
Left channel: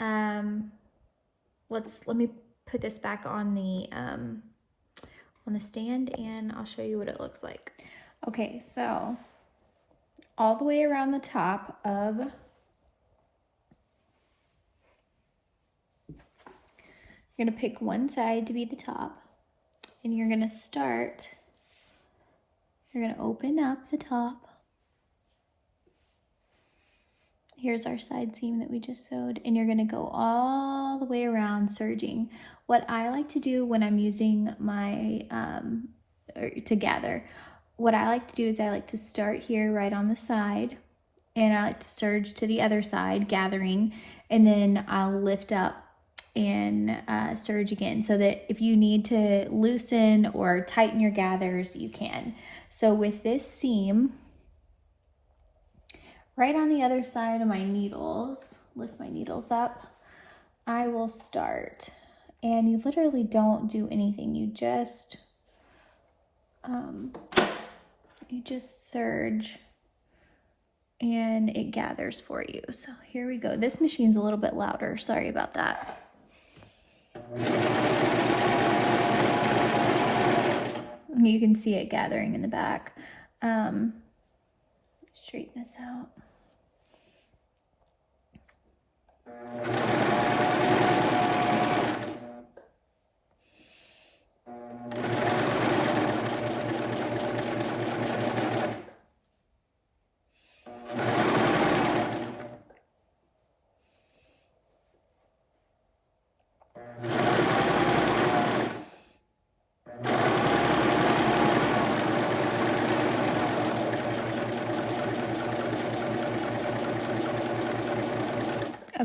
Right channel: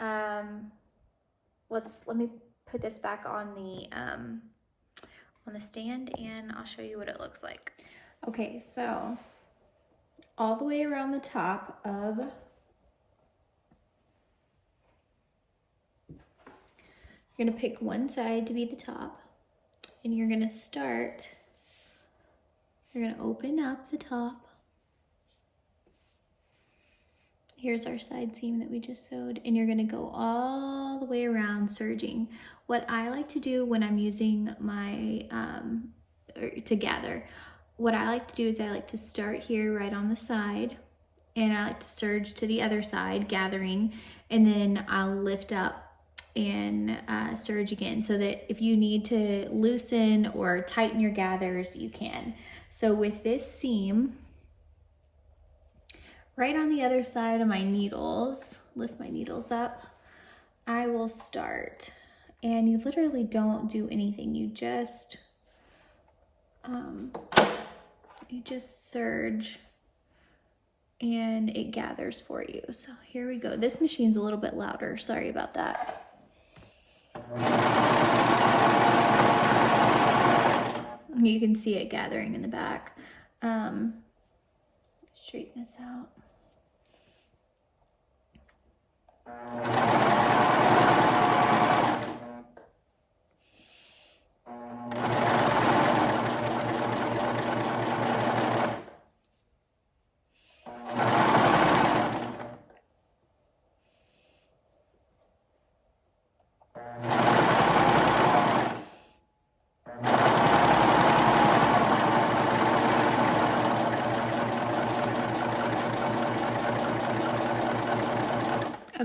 me put this back on the stand and I'll show you what it looks like. Okay, so all the way around the top of, you're gonna pick one side to be the top, and you're gonna open up the top. Here's our side seam that we just sewed, and you're gonna go all the way around serging. What I like to do when I'm using my, to gather, what I like to do is I like to start here right on the side, and I like to serge to the other side, gathering, and then I'll lift up and serge again, so that if you need to loosen or tighten your gathers, you can. So with this seam, right on the other side of my needles, lift my needles up, I will start. And you literally don't do anything. You just serge and it gathers for you. So here we go. This machine's a little bit louder. Sorry about that. You can see it gathering in the back. Straighten this out.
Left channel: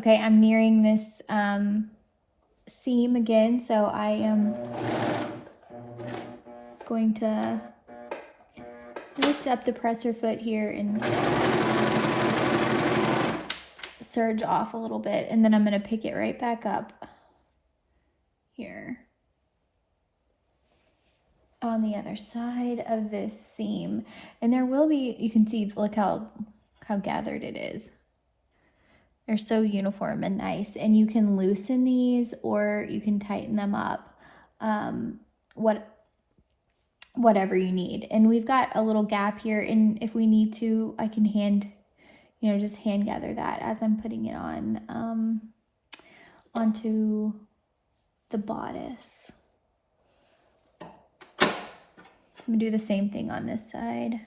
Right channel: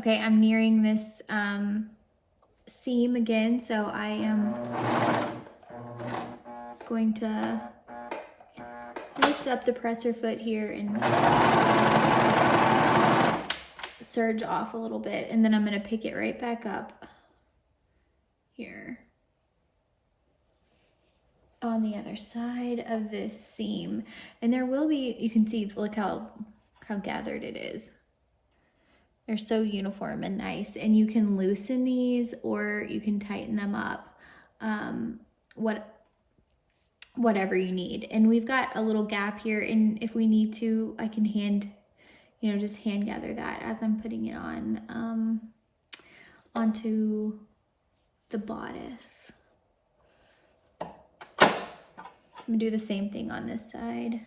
Okay, I'm nearing this seam again, so I am going to lift up the presser foot here and serge off a little bit, and then I'm going to pick it right back up here on the other side of this seam. And there will be, you can see, look how gathered it is. They're so uniform and nice, and you can loosen these or you can tighten them up, whatever you need. And we've got a little gap here, and if we need to, I can just hand gather that as I'm putting it on onto the bodice. So I'm gonna do the same thing on this side.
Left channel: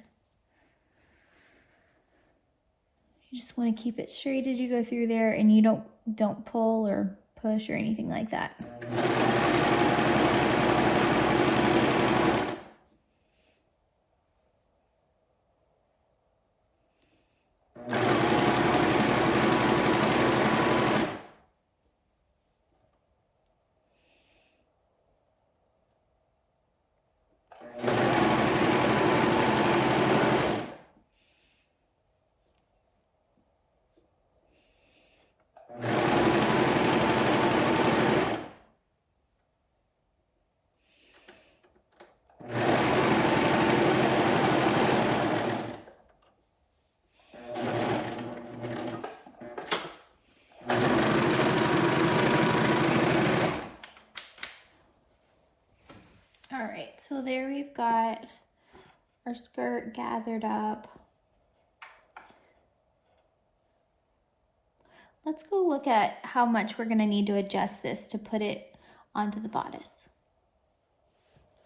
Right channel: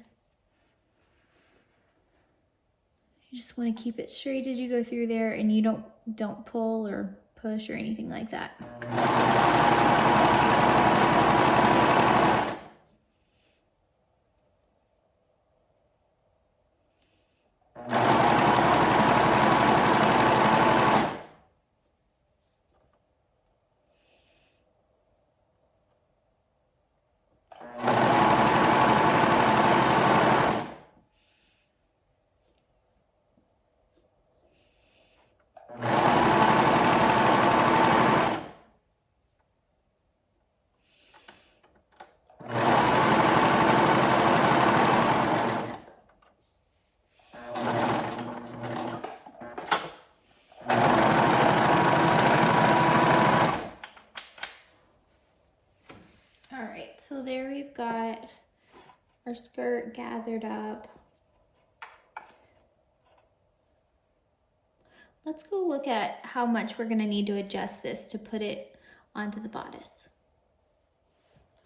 You just want to keep it straight as you go through there, and you don't pull or push or anything like that. So there we've got our skirt gathered up. Let's go look at how much we're gonna need to adjust this to put it onto the bodice.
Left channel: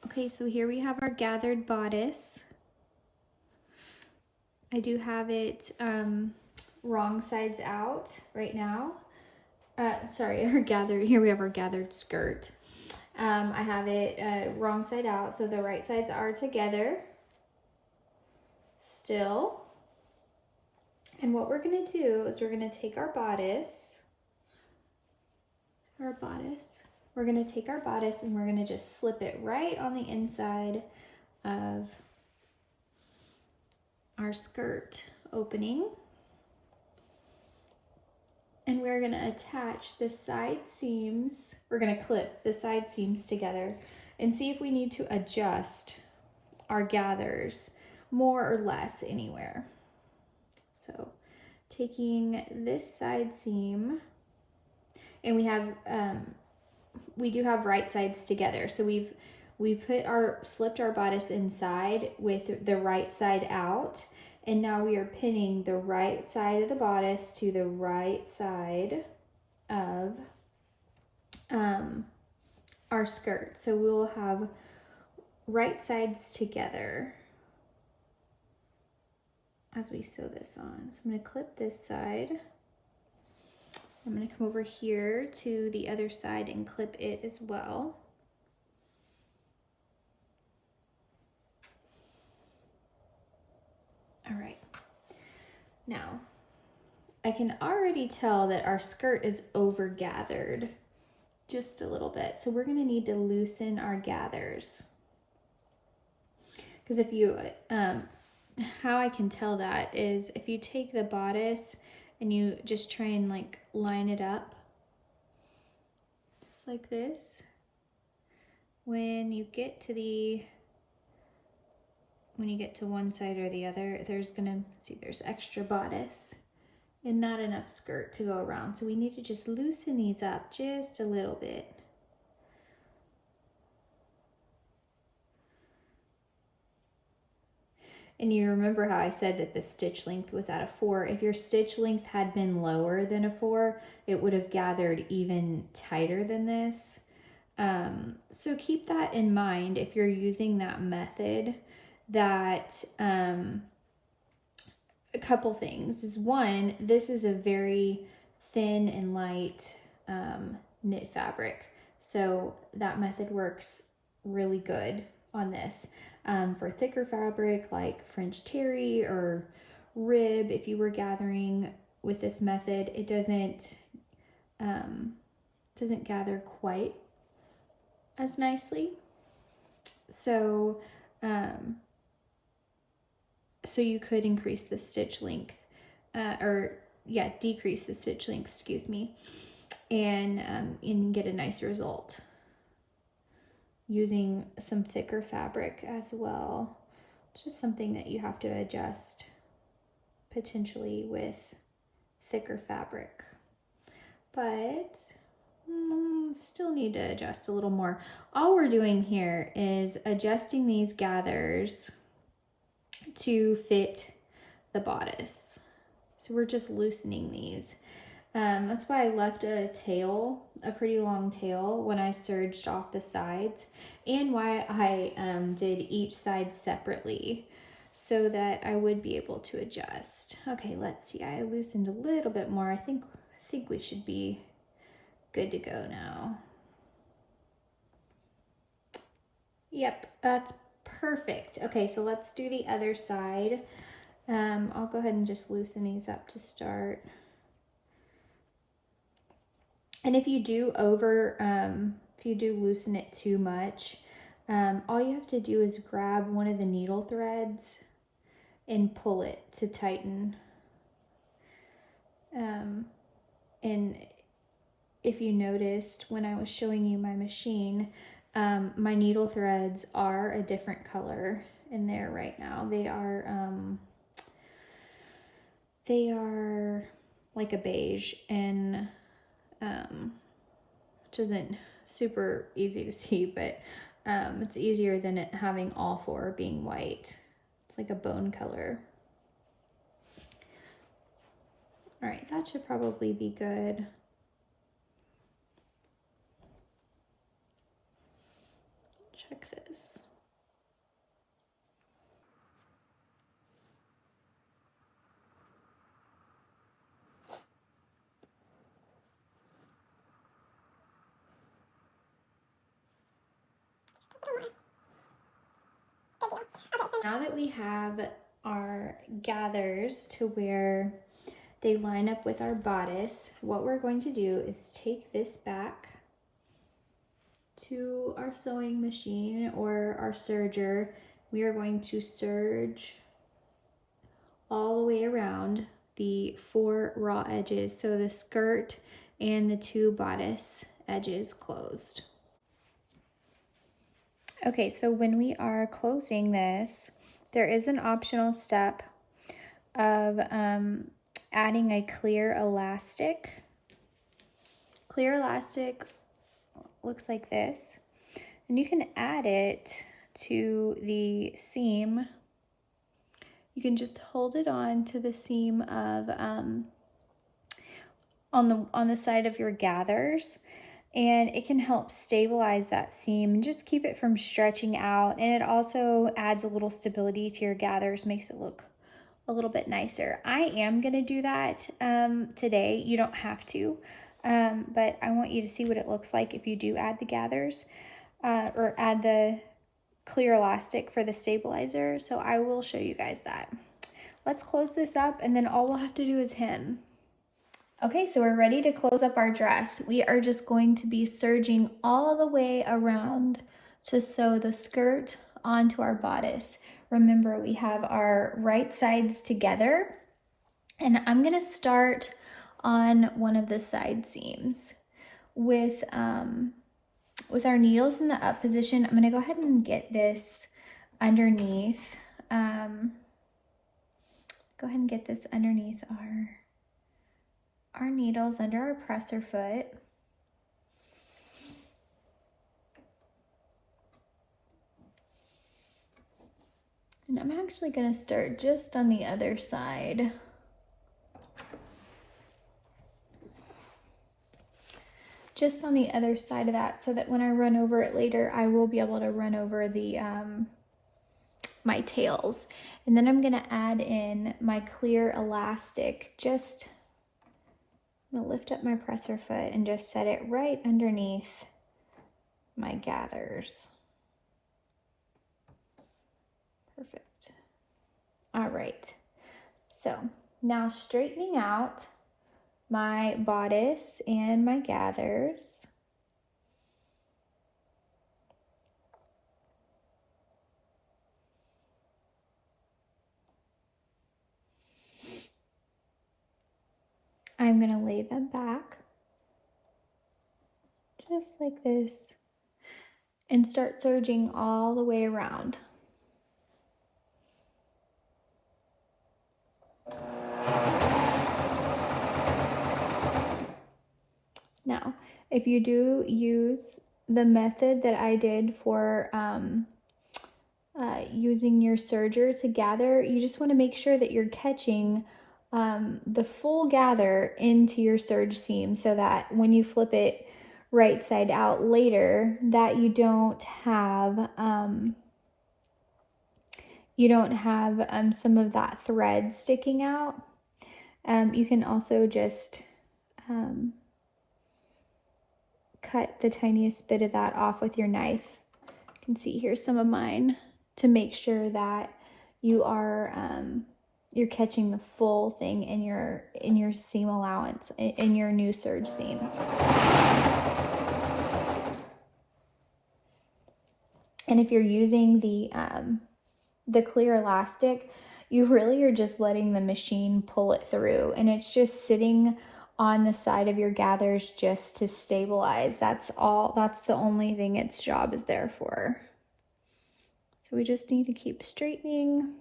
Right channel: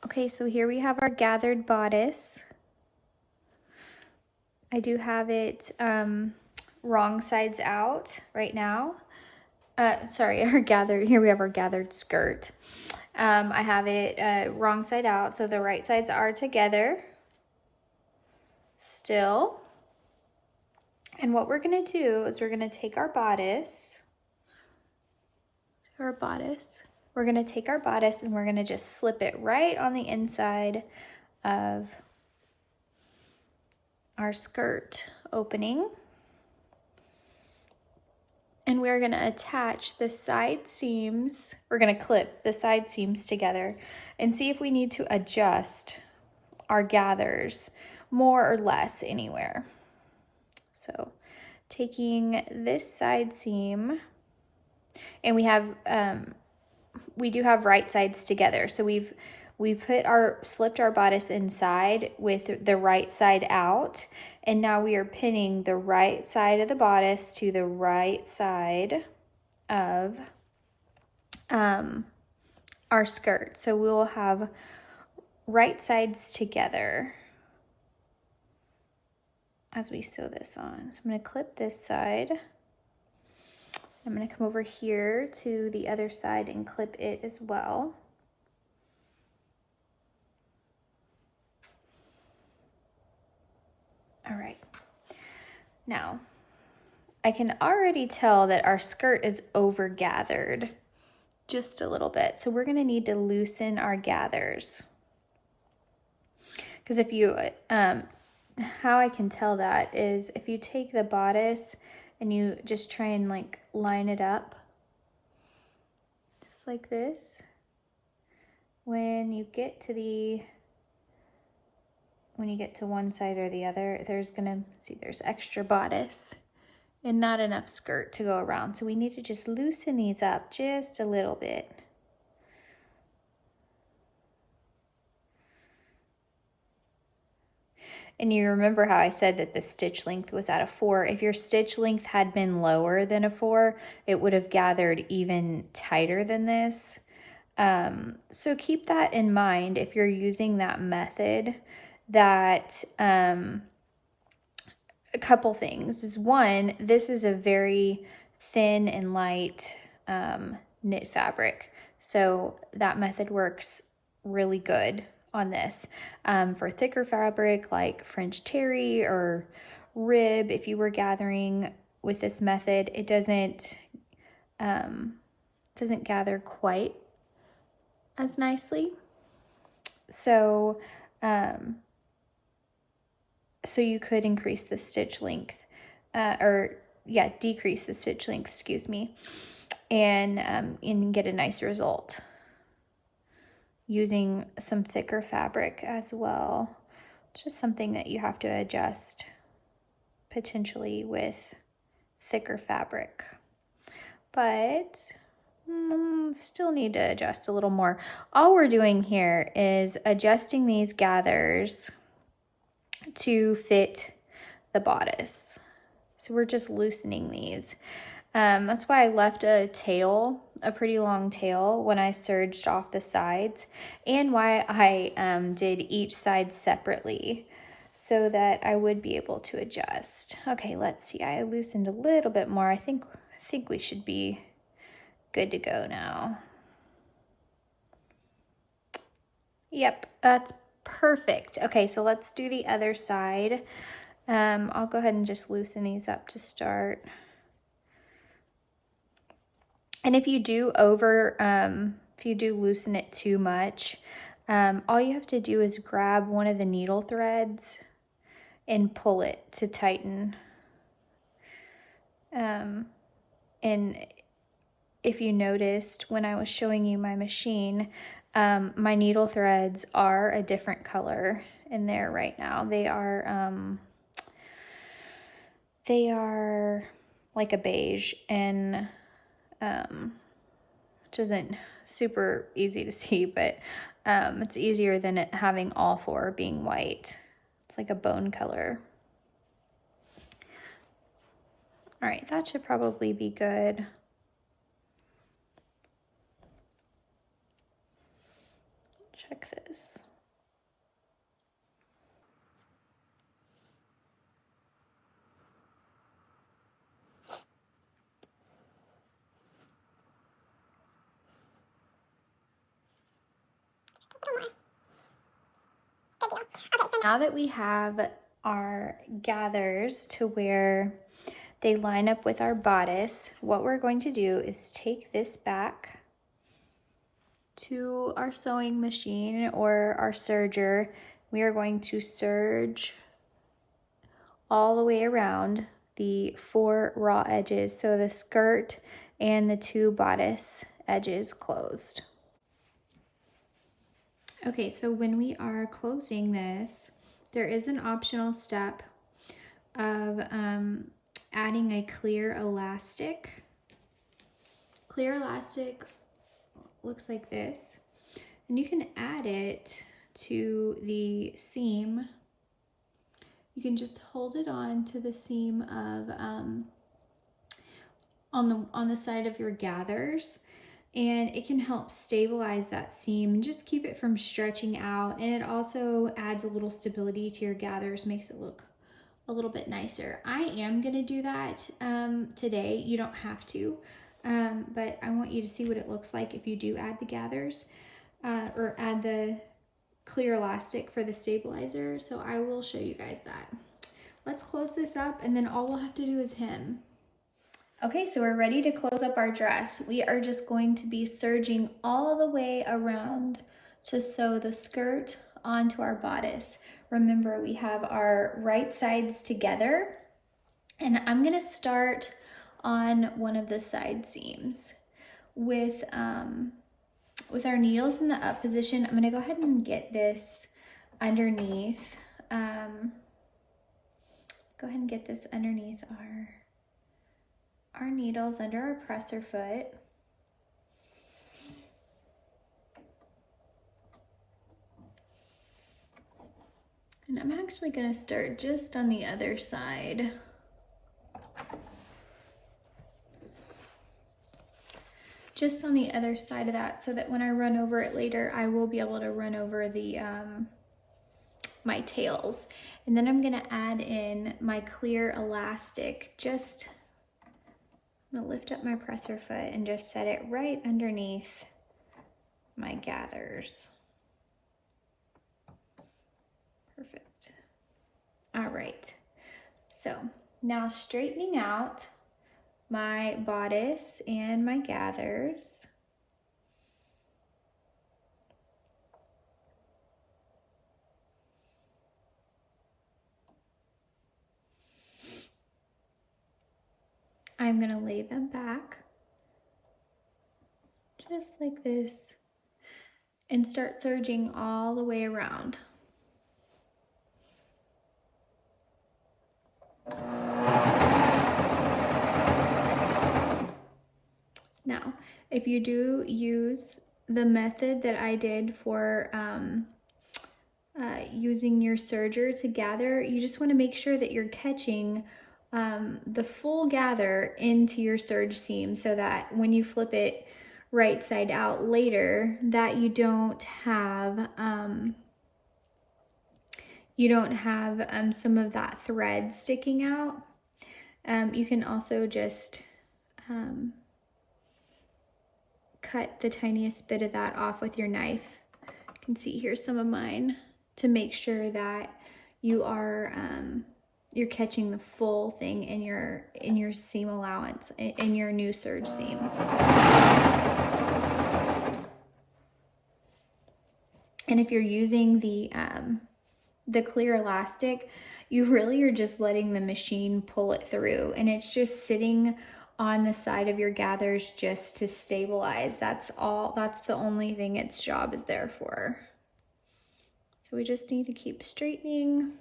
Okay, so here we have our gathered bodice. I do have it wrong sides out right now. Here we have our gathered skirt. I have it wrong side out, so the right sides are together still. And what we're gonna do is we're gonna take our bodice, we're gonna take our bodice and we're gonna just slip it right on the inside of our skirt opening. And we're gonna attach the side seams, we're gonna clip the side seams together and see if we need to adjust our gathers more or less anywhere. So taking this side seam, and we do have right sides together. So we slipped our bodice inside with the right side out, and now we are pinning the right side of the bodice to the right side of our skirt. So we'll have right sides together as we sew this on. So I'm going to clip this side. I'm going to come over here to the other side and clip it as well. All right. Now, I can already tell that our skirt is over gathered just a little bit. So we're going to need to loosen our gathers. Because if you, how I can tell that is if you take the bodice and you just try and like line it up, just like this. When you get to one side or the other, there's extra bodice and not enough skirt to go around. So we need to just loosen these up just a little bit. And you remember how I said that the stitch length was at a 4. If your stitch length had been lower than a 4, it would have gathered even tighter than this. So keep that in mind if you're using that method. That a couple things is, one, this is a very thin and light knit fabric, so that method works really good on this. For thicker fabric like French terry or rib, if you were gathering with this method, it doesn't doesn't gather quite as nicely. So, so you could increase the stitch length, decrease the stitch length, excuse me, and get a nice result using some thicker fabric as well. It's just something that you have to adjust potentially with thicker fabric, but still need to adjust a little more. All we're doing here is adjusting these gathers to fit the bodice. So we're just loosening these. That's why I left a pretty long tail when I serged off the sides, and why I did each side separately so that I would be able to adjust. Okay, let's see. I loosened a little bit more. I think we should be good to go now. Yep, that's perfect. Okay, so let's do the other side. I'll go ahead and just loosen these up to start. And if you do loosen it too much, all you have to do is grab one of the needle threads and pull it to tighten. And if you noticed when I was showing you my machine, my needle threads are a different color in there right now. They are like a beige, and which isn't super easy to see, but it's easier than it having all four being white. It's like a bone color. All right, that should probably be good. Check this. Now that we have our gathers to where they line up with our bodice, what we're going to do is take this back to our sewing machine or our serger. We are going to serge all the way around the 4 raw edges, so the skirt and the 2 bodice edges closed. Okay, so when we are closing this, there is an optional step of adding a clear elastic. Clear elastic looks like this, and you can add it to the seam. You can just hold it on to the seam of on the side of your gathers, and it can help stabilize that seam and just keep it from stretching out. And it also adds a little stability to your gathers, makes it look a little bit nicer. I am gonna do that today. You don't have to, but I want you to see what it looks like if you do add the gathers or add the clear elastic for the stabilizer. So I will show you guys that. Let's close this up, and then all we'll have to do is hem. Okay, so we're ready to close up our dress. We are just going to be serging all the way around to sew the skirt onto our bodice. Remember, we have our right sides together, and I'm gonna start on one of the side seams. With our needles in the up position, I'm gonna go ahead and get this underneath. Go ahead and get this underneath our needles under our presser foot. And I'm actually gonna start just on the other side. Just on the other side of that, so that when I run over it later, I will be able to run over the my tails. And then I'm gonna add in my clear elastic. I'm gonna lift up my presser foot and just set it right underneath my gathers. Perfect. All right, so now straightening out my bodice and my gathers. I'm going to lay them back just like this and start serging all the way around. Now, if you do use the method that I did for using your serger to gather, you just want to make sure that you're catching the full gather into your serge seam so that when you flip it right side out later, that you don't have some of that thread sticking out. You can also just cut the tiniest bit of that off with your knife. You can see here some of mine to make sure that you are you're catching the full thing in your seam allowance in your new serge seam. And if you're using the clear elastic, you really are just letting the machine pull it through, and it's just sitting on the side of your gathers just to stabilize. That's all. That's the only thing its job is there for. So we just need to keep straightening.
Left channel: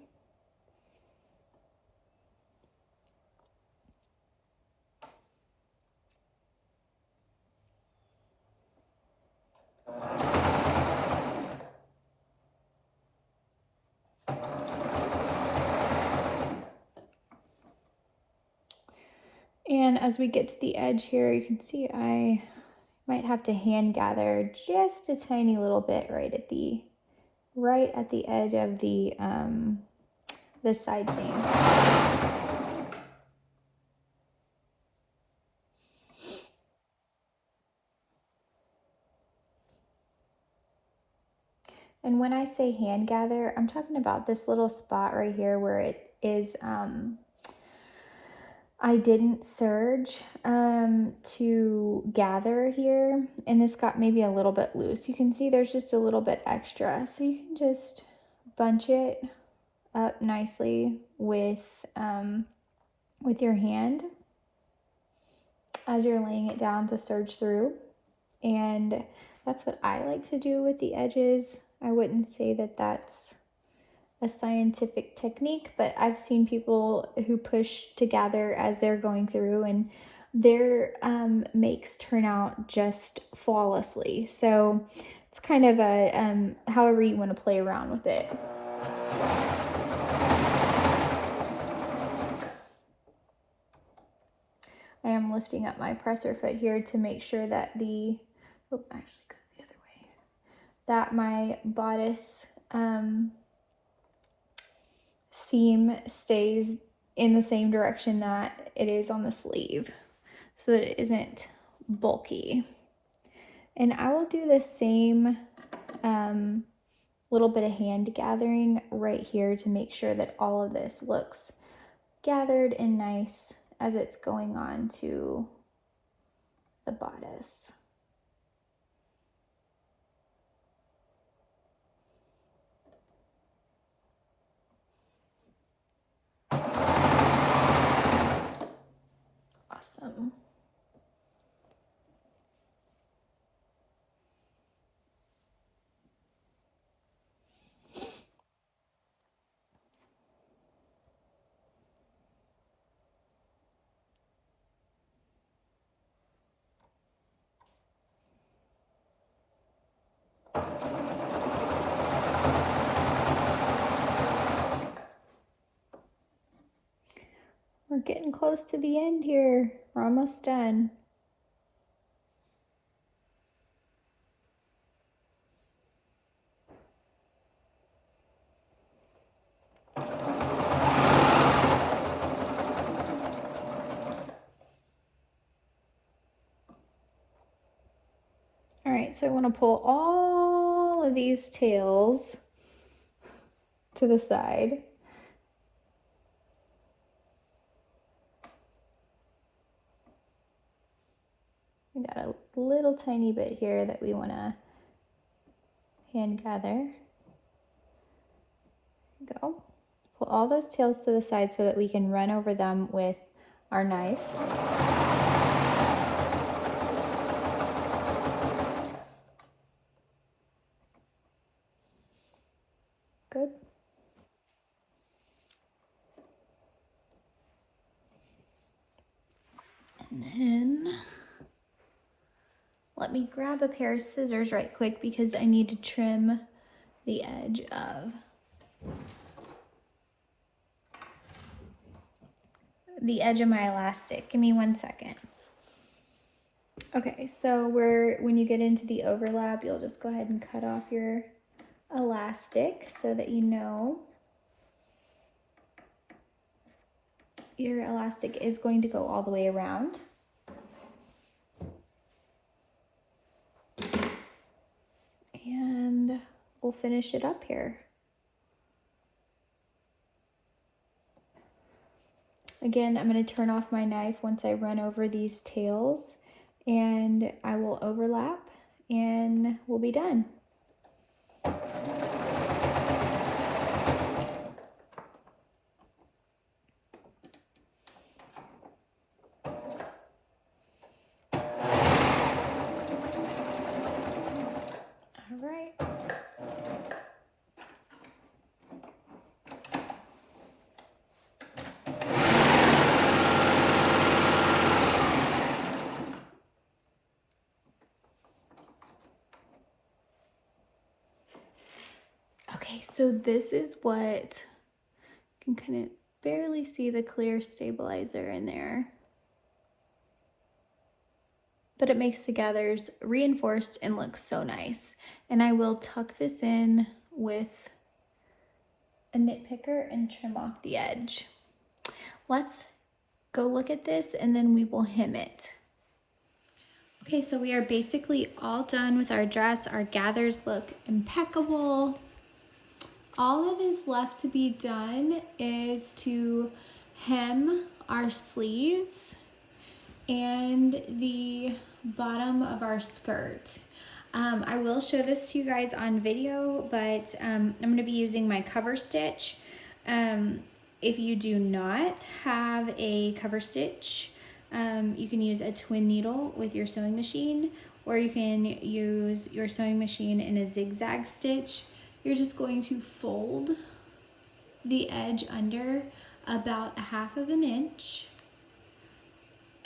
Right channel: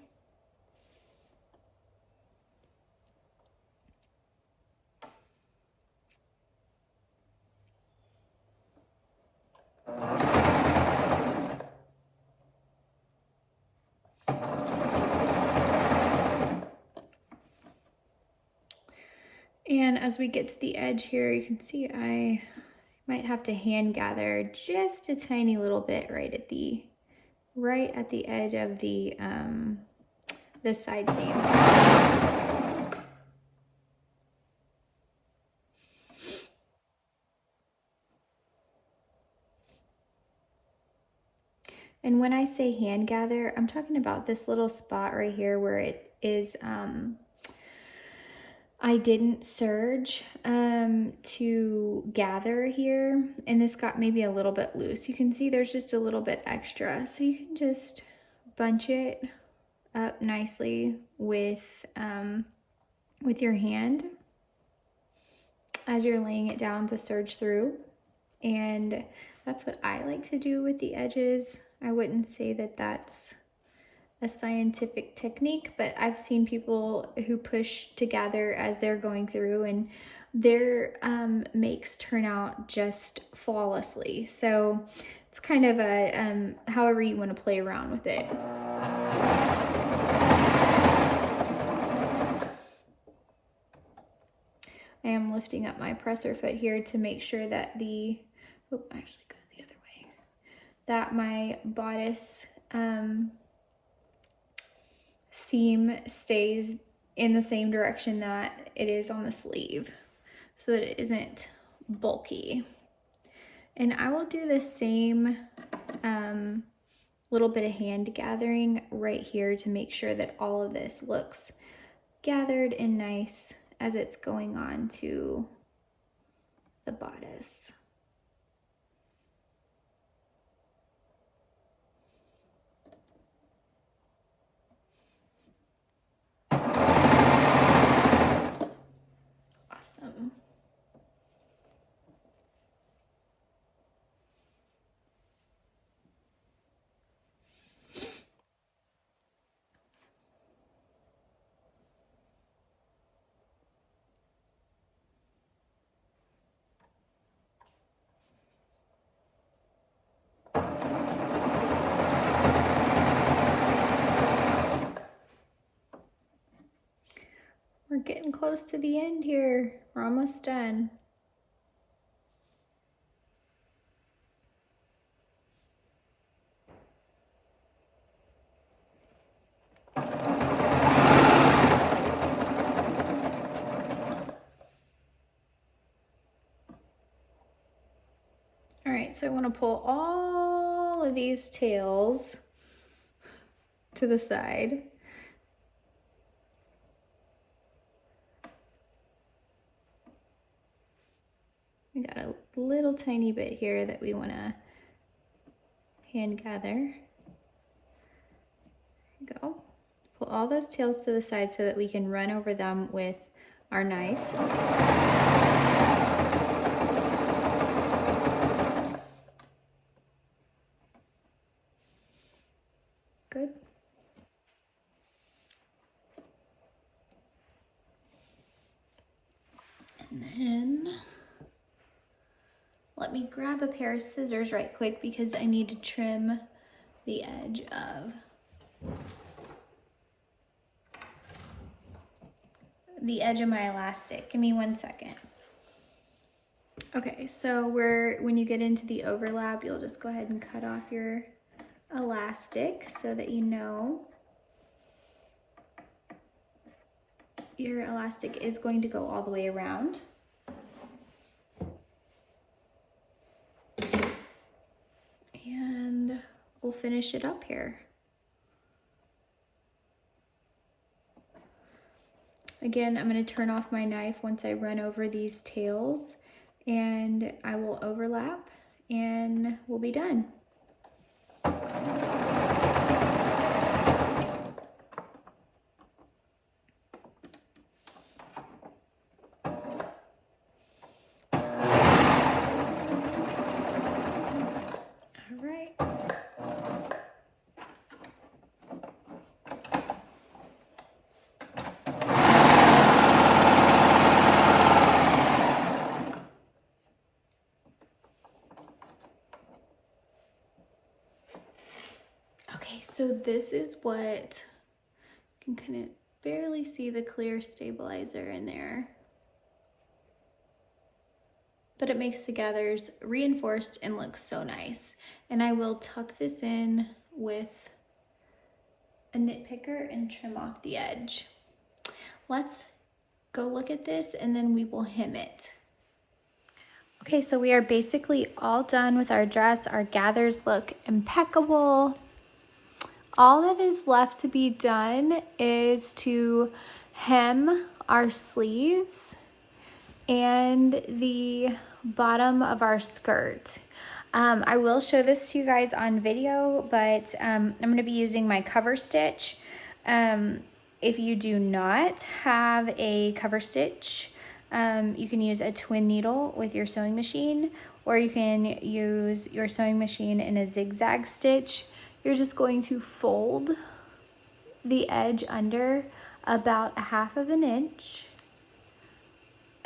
And as we get to the edge here, you can see I might have to hand gather just a tiny little bit right at the edge of the side seam. And when I say hand gather, I'm talking about this little spot right here where it is I didn't serge to gather here, and this got maybe a little bit loose. You can see there's just a little bit extra, so you can just bunch it up nicely with your hand as you're laying it down to serge through. And that's what I like to do with the edges. I wouldn't say that that's a scientific technique, but I've seen people who push to gather as they're going through, and their makes turn out just flawlessly. So it's kind of a however you want to play around with it. I am lifting up my presser foot here to make sure that actually goes the other way, that my bodice seam stays in the same direction that it is on the sleeve so that it isn't bulky. And I will do the same little bit of hand gathering right here to make sure that all of this looks gathered and nice as it's going on to the bodice. Awesome. We're getting close to the end here. We're almost done. All right, so I want to pull all of these tails to the side. We got a little tiny bit here that we want to hand gather. Go. Pull all those tails to the side so that we can run over them with our knife. Good. And then let me grab a pair of scissors right quick because I need to trim the edge of my elastic. Give me 1 second. Okay, so when you get into the overlap, you'll just go ahead and cut off your elastic so that you know your elastic is going to go all the way around. And we'll finish it up here. Again, I'm going to turn off my knife once I run over these tails, and I will overlap and we'll be done. Okay, so this is what, you can kind of barely see the clear stabilizer in there, but it makes the gathers reinforced and look so nice. And I will tuck this in with a nitpicker and trim off the edge. Let's go look at this and then we will hem it. Okay, so we are basically all done with our dress. Our gathers look impeccable. All that is left to be done is to hem our sleeves and the bottom of our skirt. I will show this to you guys on video, but I'm going to be using my cover stitch. If you do not have a cover stitch, you can use a twin needle with your sewing machine, or you can use your sewing machine in a zigzag stitch. You're just going to fold the edge under about 1/2 inch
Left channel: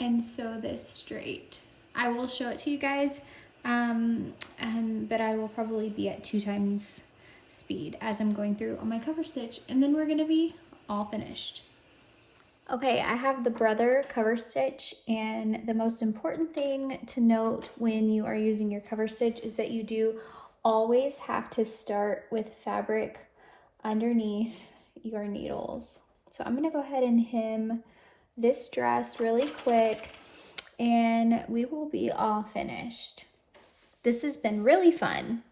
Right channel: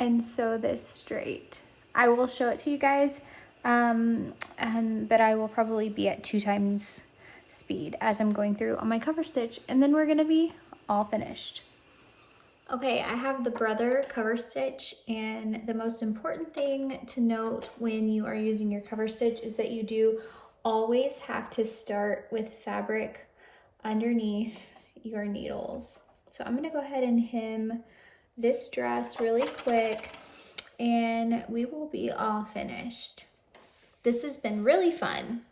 and sew this straight. I will show it to you guys, but I will probably be at 2 times speed as I'm going through on my cover stitch, and then we're gonna be all finished. Okay, I have the brother cover stitch, and the most important thing to note when you are using your cover stitch is that you do always have to start with fabric underneath your needles. So I'm gonna go ahead and hem this dress really quick and we will be all finished. This has been really fun.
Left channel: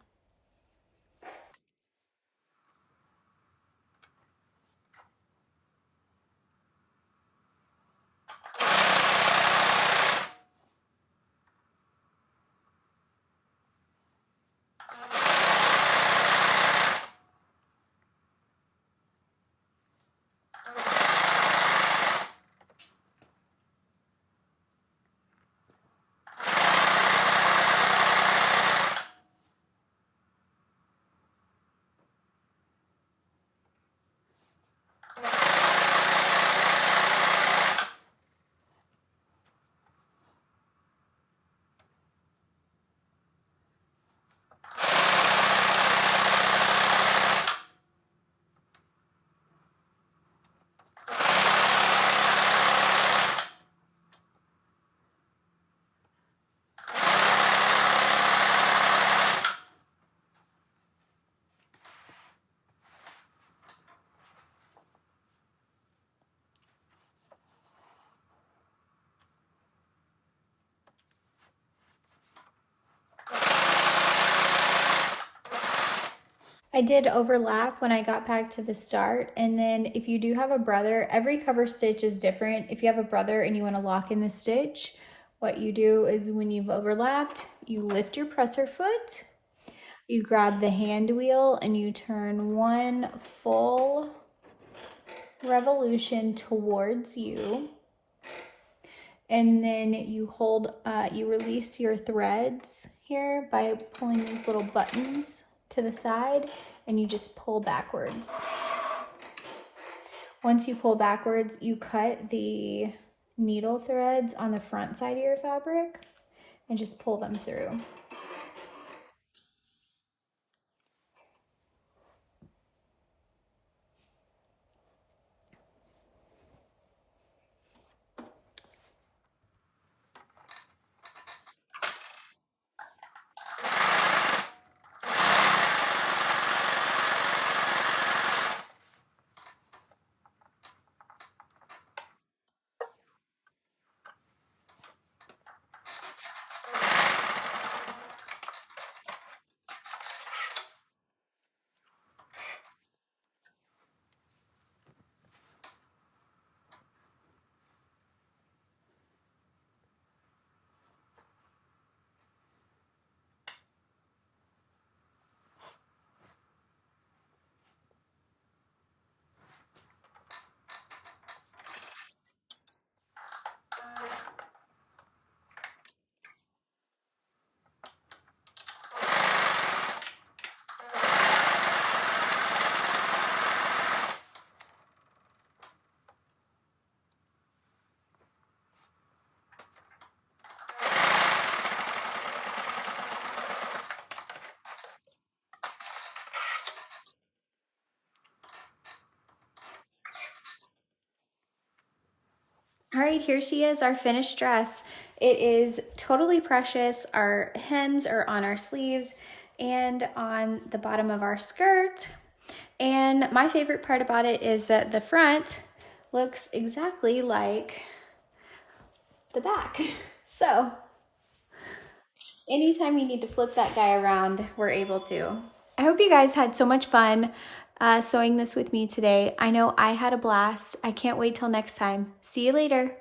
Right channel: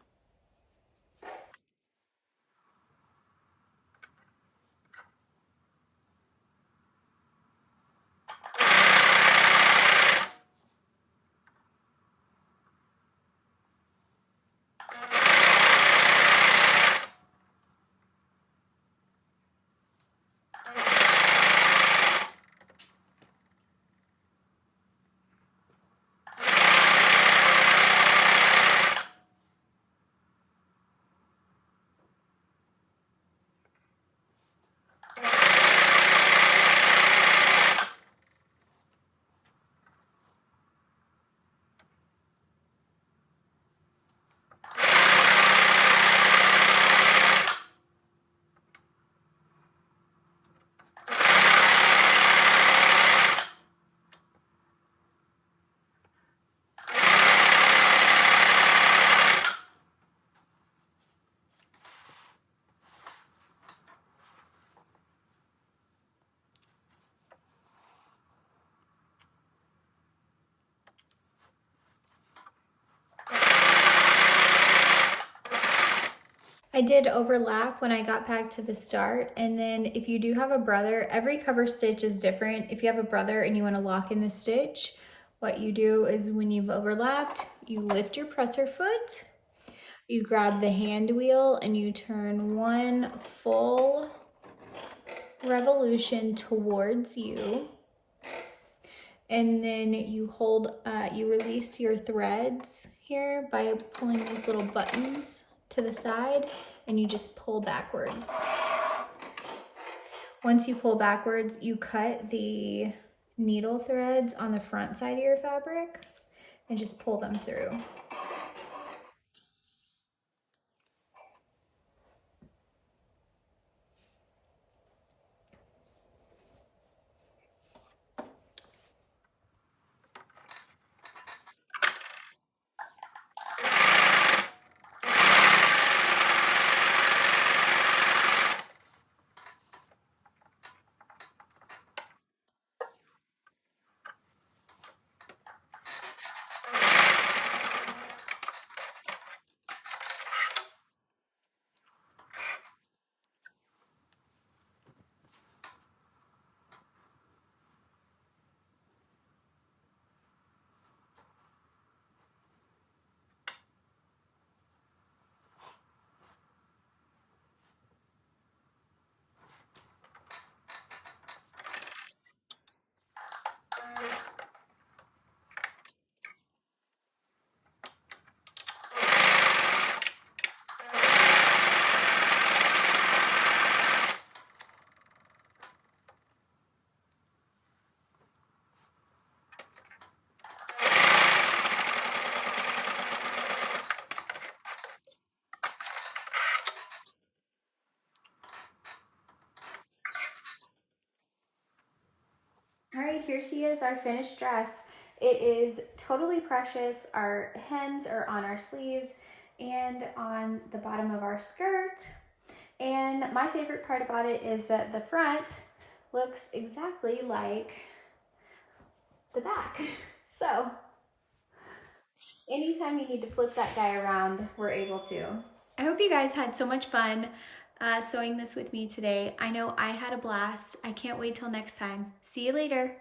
I did overlap when I got back to the start, and then if you do have a brother, every cover stitch is different. If you have a brother and you want to lock in the stitch, what you do is when you've overlapped, you lift your presser foot, you grab the hand wheel and you turn one full revolution towards you. And then you hold, you release your threads here by pulling these little buttons to the side, and you just pull backwards. Once you pull backwards, you cut the needle threads on the front side of your fabric and just pull them through. All right, here she is, our finished dress. It is totally precious. Our hems are on our sleeves and on the bottom of our skirt. And my favorite part about it is that the front looks exactly like the back. So anytime you need to flip that guy around, we're able to. I hope you guys had so much fun sewing this with me today. I know I had a blast. I can't wait till next time. See you later.